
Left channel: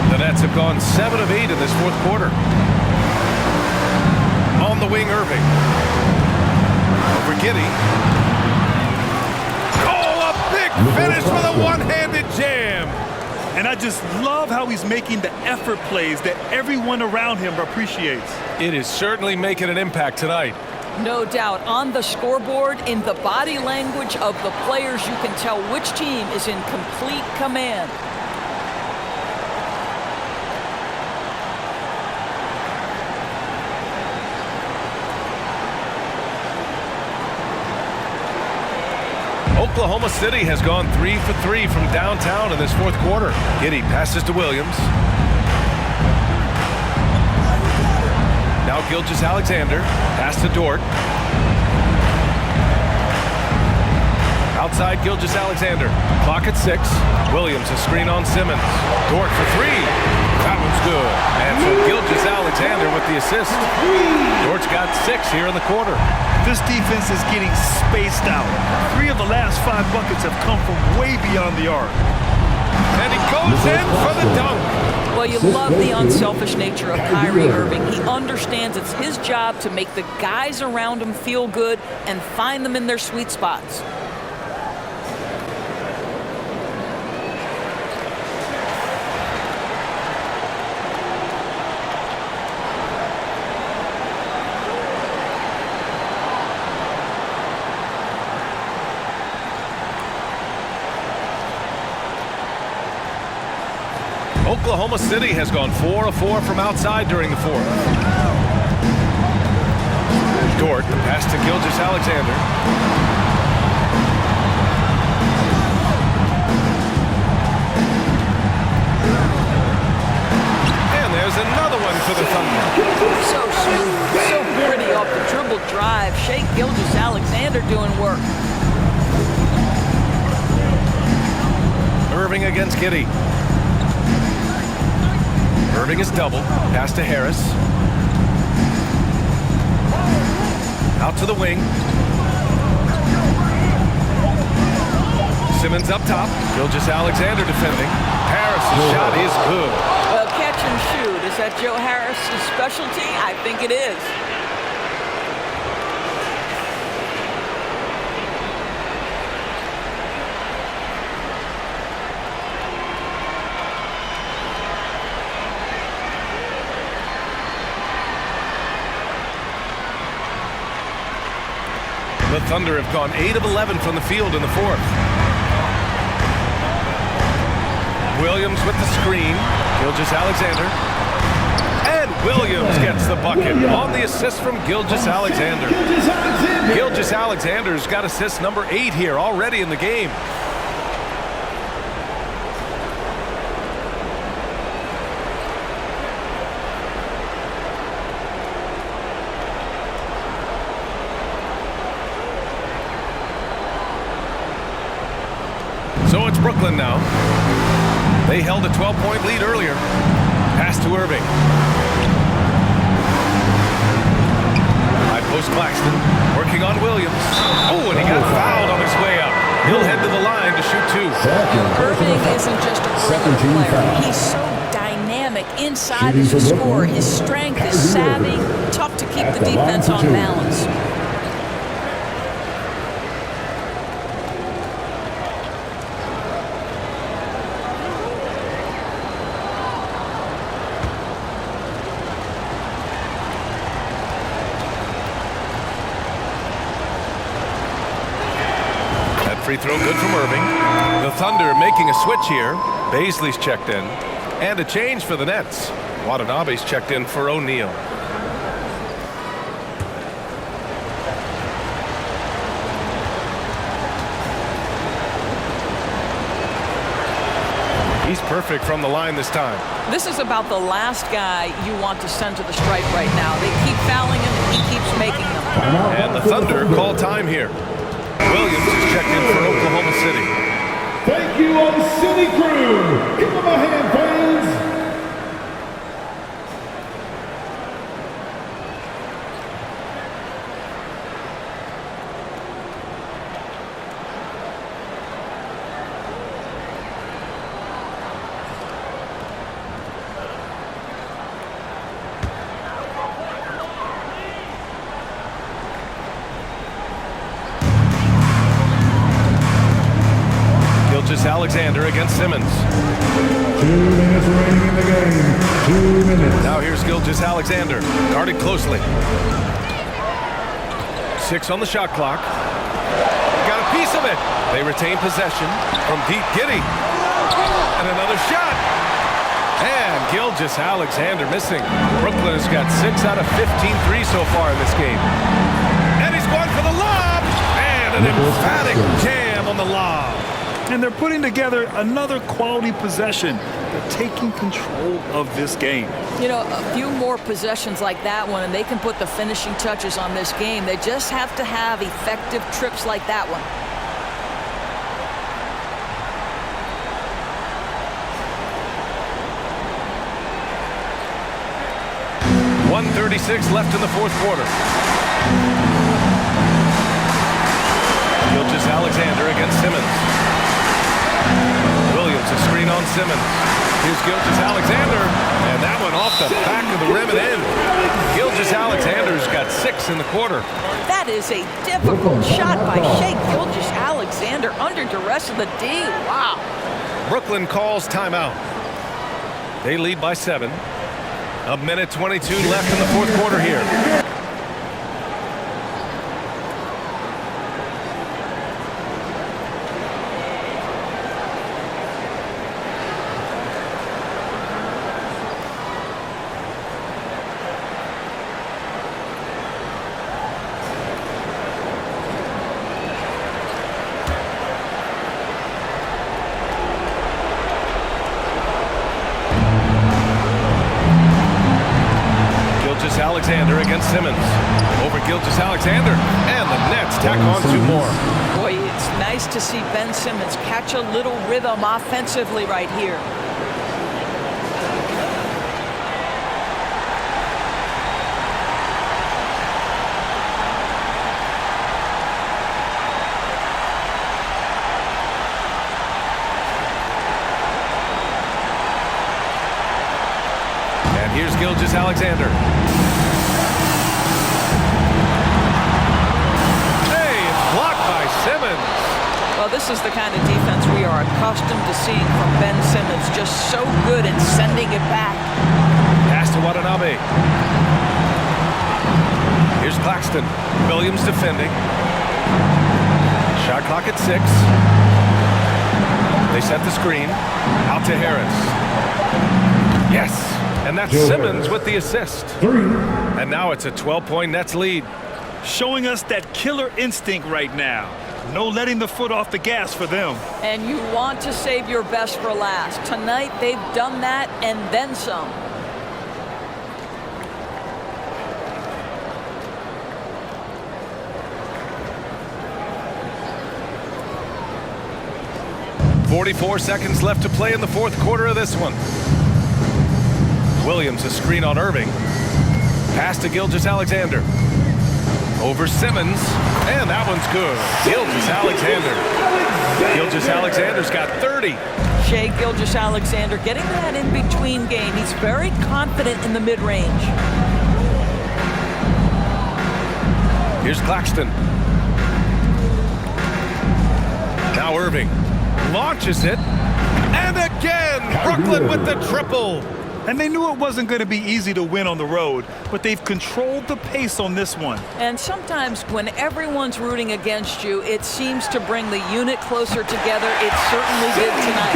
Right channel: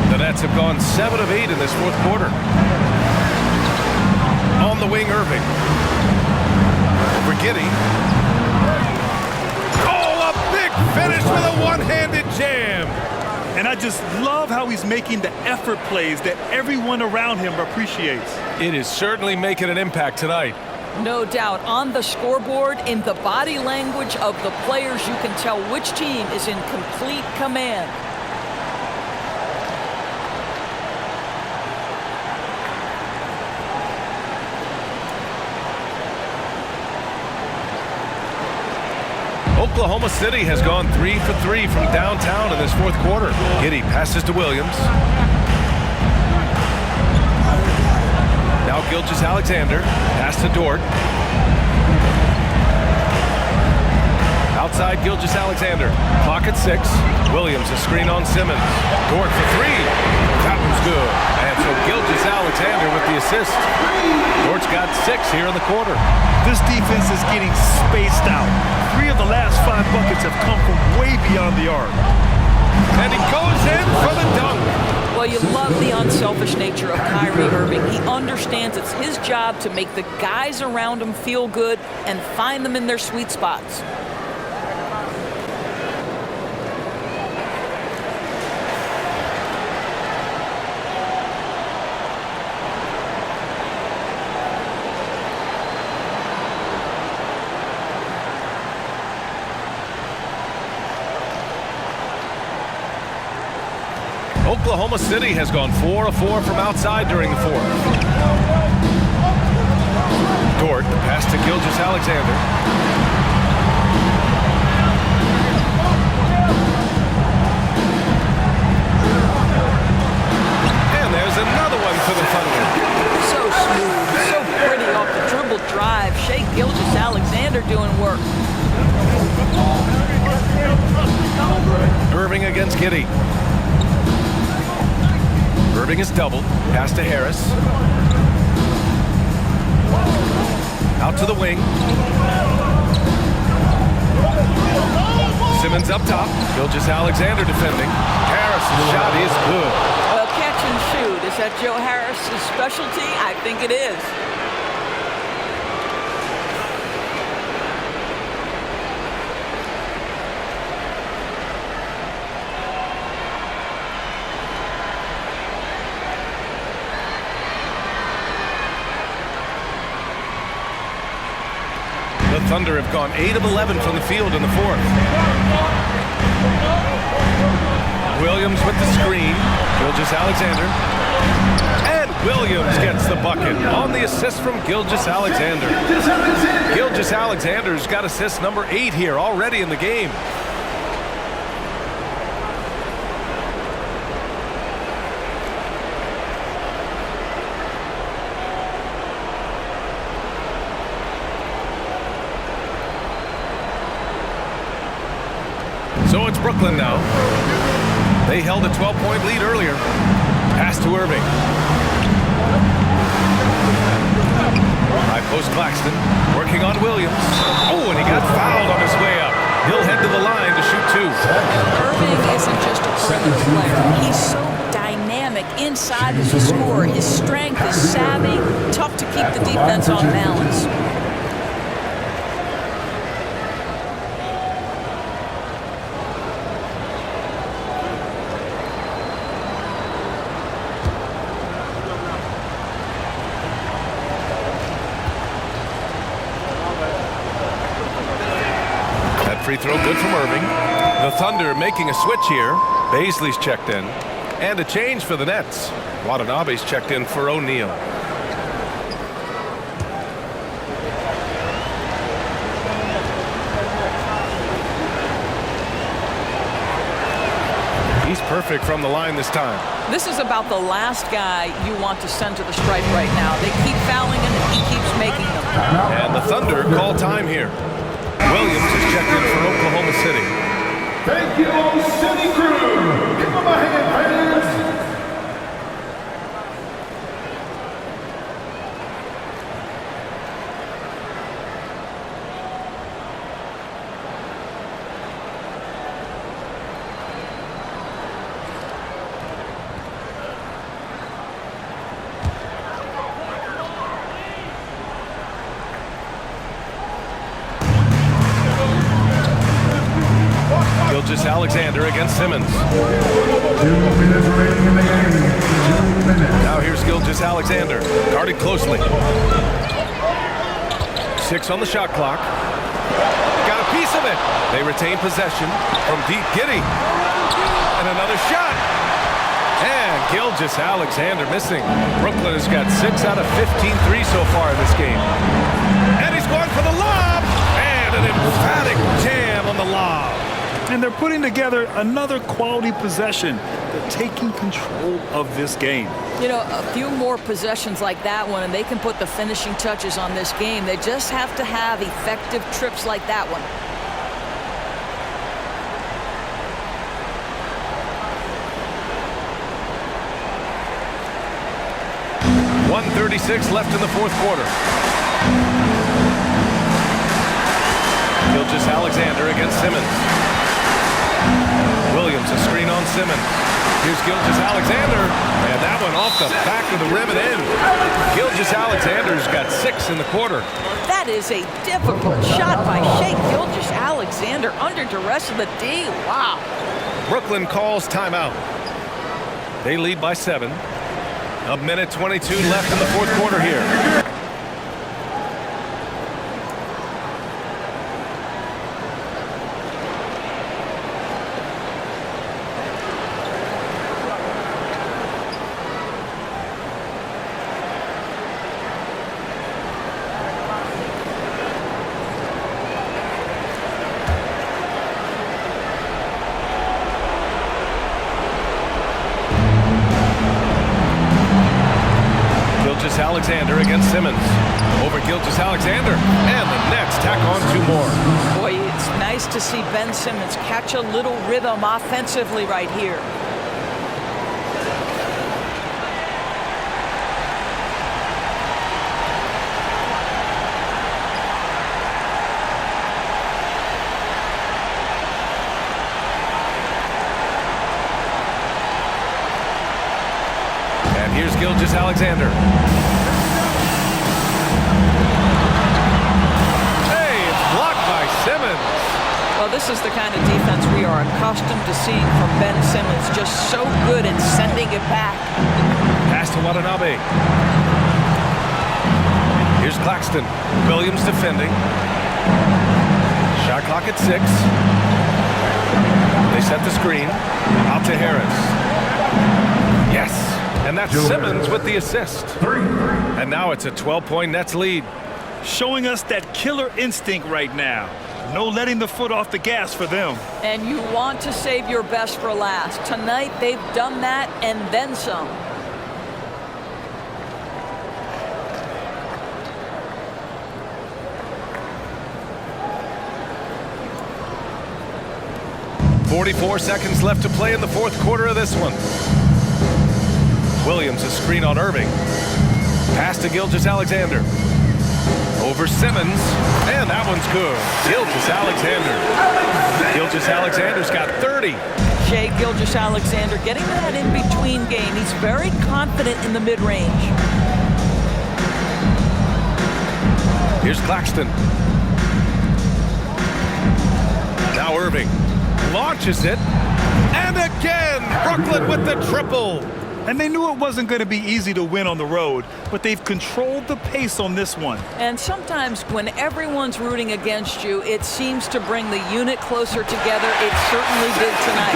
The Nets have gone 7 of 8 in this fourth quarter. On the wing, Irving. Over Giddey. Oh, a big finish with a one-handed jam. And I just love how he's making the effort plays that everyone around him appreciates. It is certainly making an impact tonight. No doubt. On the scoreboard, in the body language of the players, you can tell which team is in complete command. Oklahoma City has gone 3 for 3 from downtown in this fourth quarter. Giddey passes to Williams. Now Gilgeous-Alexander. Pass to Dort. Outside Gilgeous-Alexander. Clock at 6. Williams a screen on Simmons. Dort for 3. That one's good. And so Gilgeous-Alexander with the assist. Dort's got 6 here in the quarter. This defense is getting spaced out. 3 of the last 5 buckets have come from way beyond the arc. And he goes in for the dunk. Well, you love the unselfish nature of Kyrie Irving. He understands it's his job to make the guys around him feel good and find them in their sweet spots. Oklahoma City has gone 4 of 4 from outside during the fourth. Dort, the pass to Gilgeous-Alexander. And there's another one for the Thunder. So smooth, so pretty off the dribble drive. Shea Gilgeous-Alexander doing work. Irving against Giddey. Irving is doubled. Pass to Harris. Out to the wing. Simmons up top. Gilgeous-Alexander defending. Harris' shot is good. Catch and shoot. Is that Joe Harris's specialty? I think it is. The Thunder have gone 8 of 11 from the field in the fourth. Williams with the screen. Gilgeous-Alexander. And Williams gets the bucket on the assist from Gilgeous-Alexander. Gilgeous-Alexander's got assist number 8 here already in the game. So it's Brooklyn now. They held a 12-point lead earlier. Pass to Irving. High post Claxton. Working on Williams. Oh, and he got fouled on his way up. He'll head to the line to shoot 2. Irving isn't just a perimeter player. He's so dynamic inside as a scorer. His strength, his savvy, tough to keep the defense on balance. Free throw good from Irving. The Thunder making a switch here. Baisley's checked in. And a change for the Nets. Watanabe's checked in for O'Neal. He's perfect from the line this time. This is about the last guy you want to send to the stripe right now. They keep fouling him and he keeps making them. And the Thunder call time here. Williams is checked in for Oklahoma City. Thank you, O City crew. Give them a hand, fans. Gilgeous-Alexander against Simmons. 2 minutes remaining in the game. 2 minutes. Now here's Gilgeous-Alexander, guarded closely. 6 on the shot clock. Got a piece of it. They retain possession from deep. Giddey. And another shot. And Gilgeous-Alexander missing. Brooklyn has got 6 out of 15 threes so far in this game. And he's going for the lob. And an emphatic jam on the lob. And they're putting together another quality possession. They're taking control of this game. You know, a few more possessions like that one, and they can put the finishing touches on this game. They just have to have effective trips like that one. .136 left in the fourth quarter. Gilgeous-Alexander against Simmons. Williams, a screen on Simmons. Here's Gilgeous-Alexander, and that one off the back of the rim and in. Gilgeous-Alexander's got 6 in the quarter. That is a difficult shot by Shea Gilgeous-Alexander under duress of the D. Wow. Brooklyn calls timeout. They lead by 7. A minute 22 left in the fourth quarter here. Gilgeous-Alexander against Simmons. Over Gilgeous-Alexander, and the Nets tack on 2 more. Boy, it's nice to see Ben Simmons catch a little rhythm offensively right here. And here's Gilgeous-Alexander. Hey, it's blocked by Simmons. Well, this is the kind of defense we are accustomed to seeing from Ben Simmons. Just so good at sending it back. Pass to Watanabe. Here's Claxton. Williams defending. Shot clock at 6. They set the screen. Out to Harris. Yes. And that's Simmons with the assist. 3. And now it's a 12-point Nets lead. Showing us that killer instinct right now. No letting the foot off the gas for them. And you want to save your best for last. Tonight, they've done that and then some. .44 seconds left to play in the 4th quarter of this one. Williams a screen on Irving. Pass to Gilgeous-Alexander. Over Simmons, and that one's good. Gilgeous-Alexander. Gilgeous-Alexander's got 30. Shai Gilgeous-Alexander getting to that in-between game. He's very confident in the mid-range. Here's Claxton. Now Irving launches it, and again, Brooklyn with the triple. And they knew it wasn't going to be easy to win on the road, but they've controlled the pace on this one. And sometimes when everyone's rooting against you, it seems to bring the unit closer together. It certainly did tonight.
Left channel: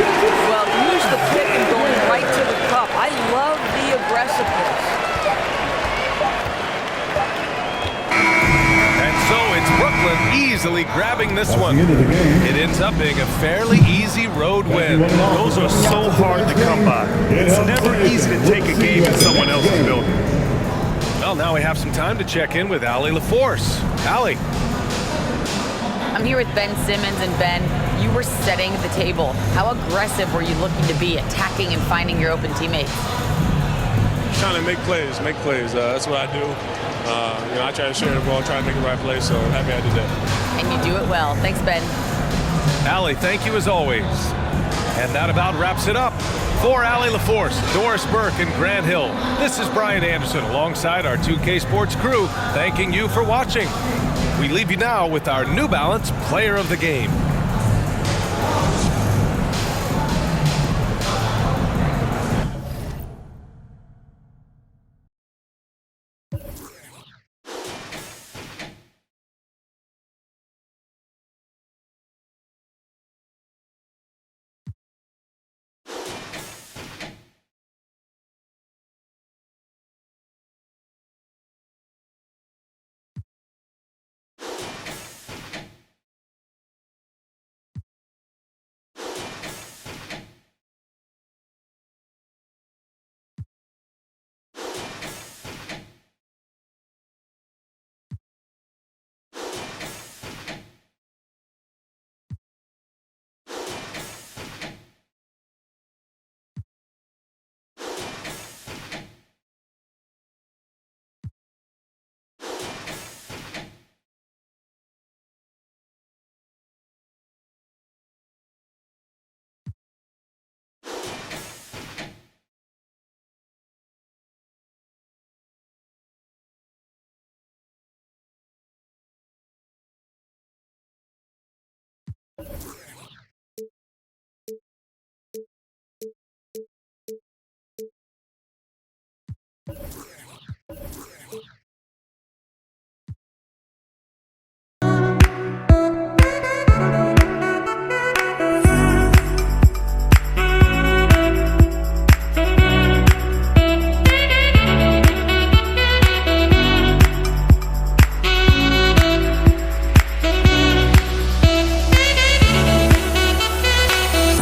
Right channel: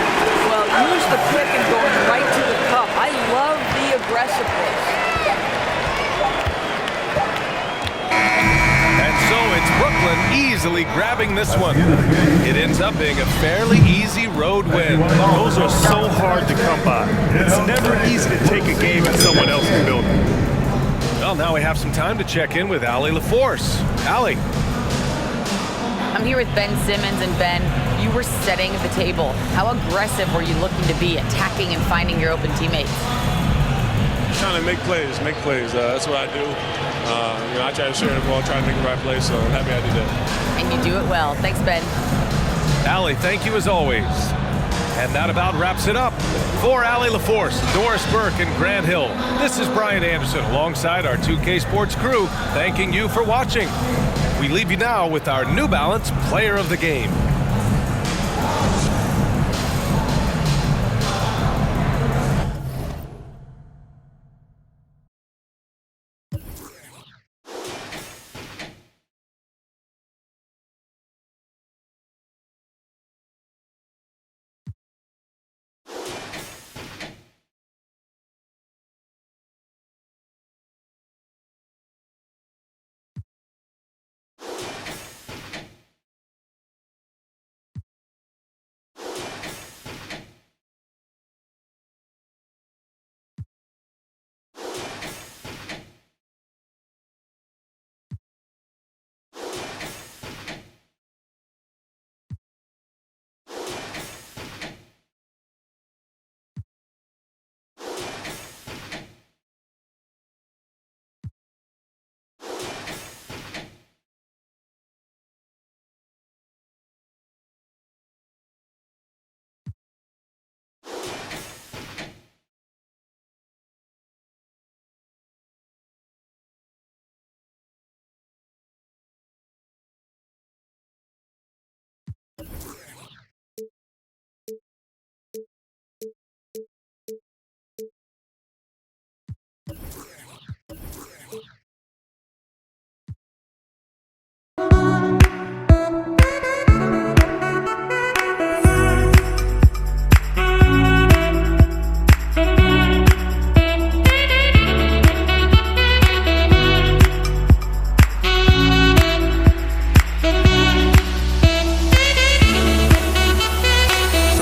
Well, use the pick and going right to the cup. I love the aggressiveness. And so it's Brooklyn easily grabbing this one. It ends up being a fairly easy road win. Those are so hard to come by. It's never easy to take a game in someone else's building. Well, now we have some time to check in with Allie LaForce. Allie. I'm here with Ben Simmons, and Ben, you were setting the table. How aggressive were you looking to be, attacking and finding your open teammates? Trying to make plays. That's what I do. I try to share the ball, try to make the right play, so I'm happy I did that. And you do it well. Thanks, Ben. Allie, thank you as always. And that about wraps it up. For Allie LaForce, Doris Burke, and Grant Hill, this is Brian Anderson alongside our 2K Sports crew, thanking you for watching. We leave you now with our New Balance Player of the Game.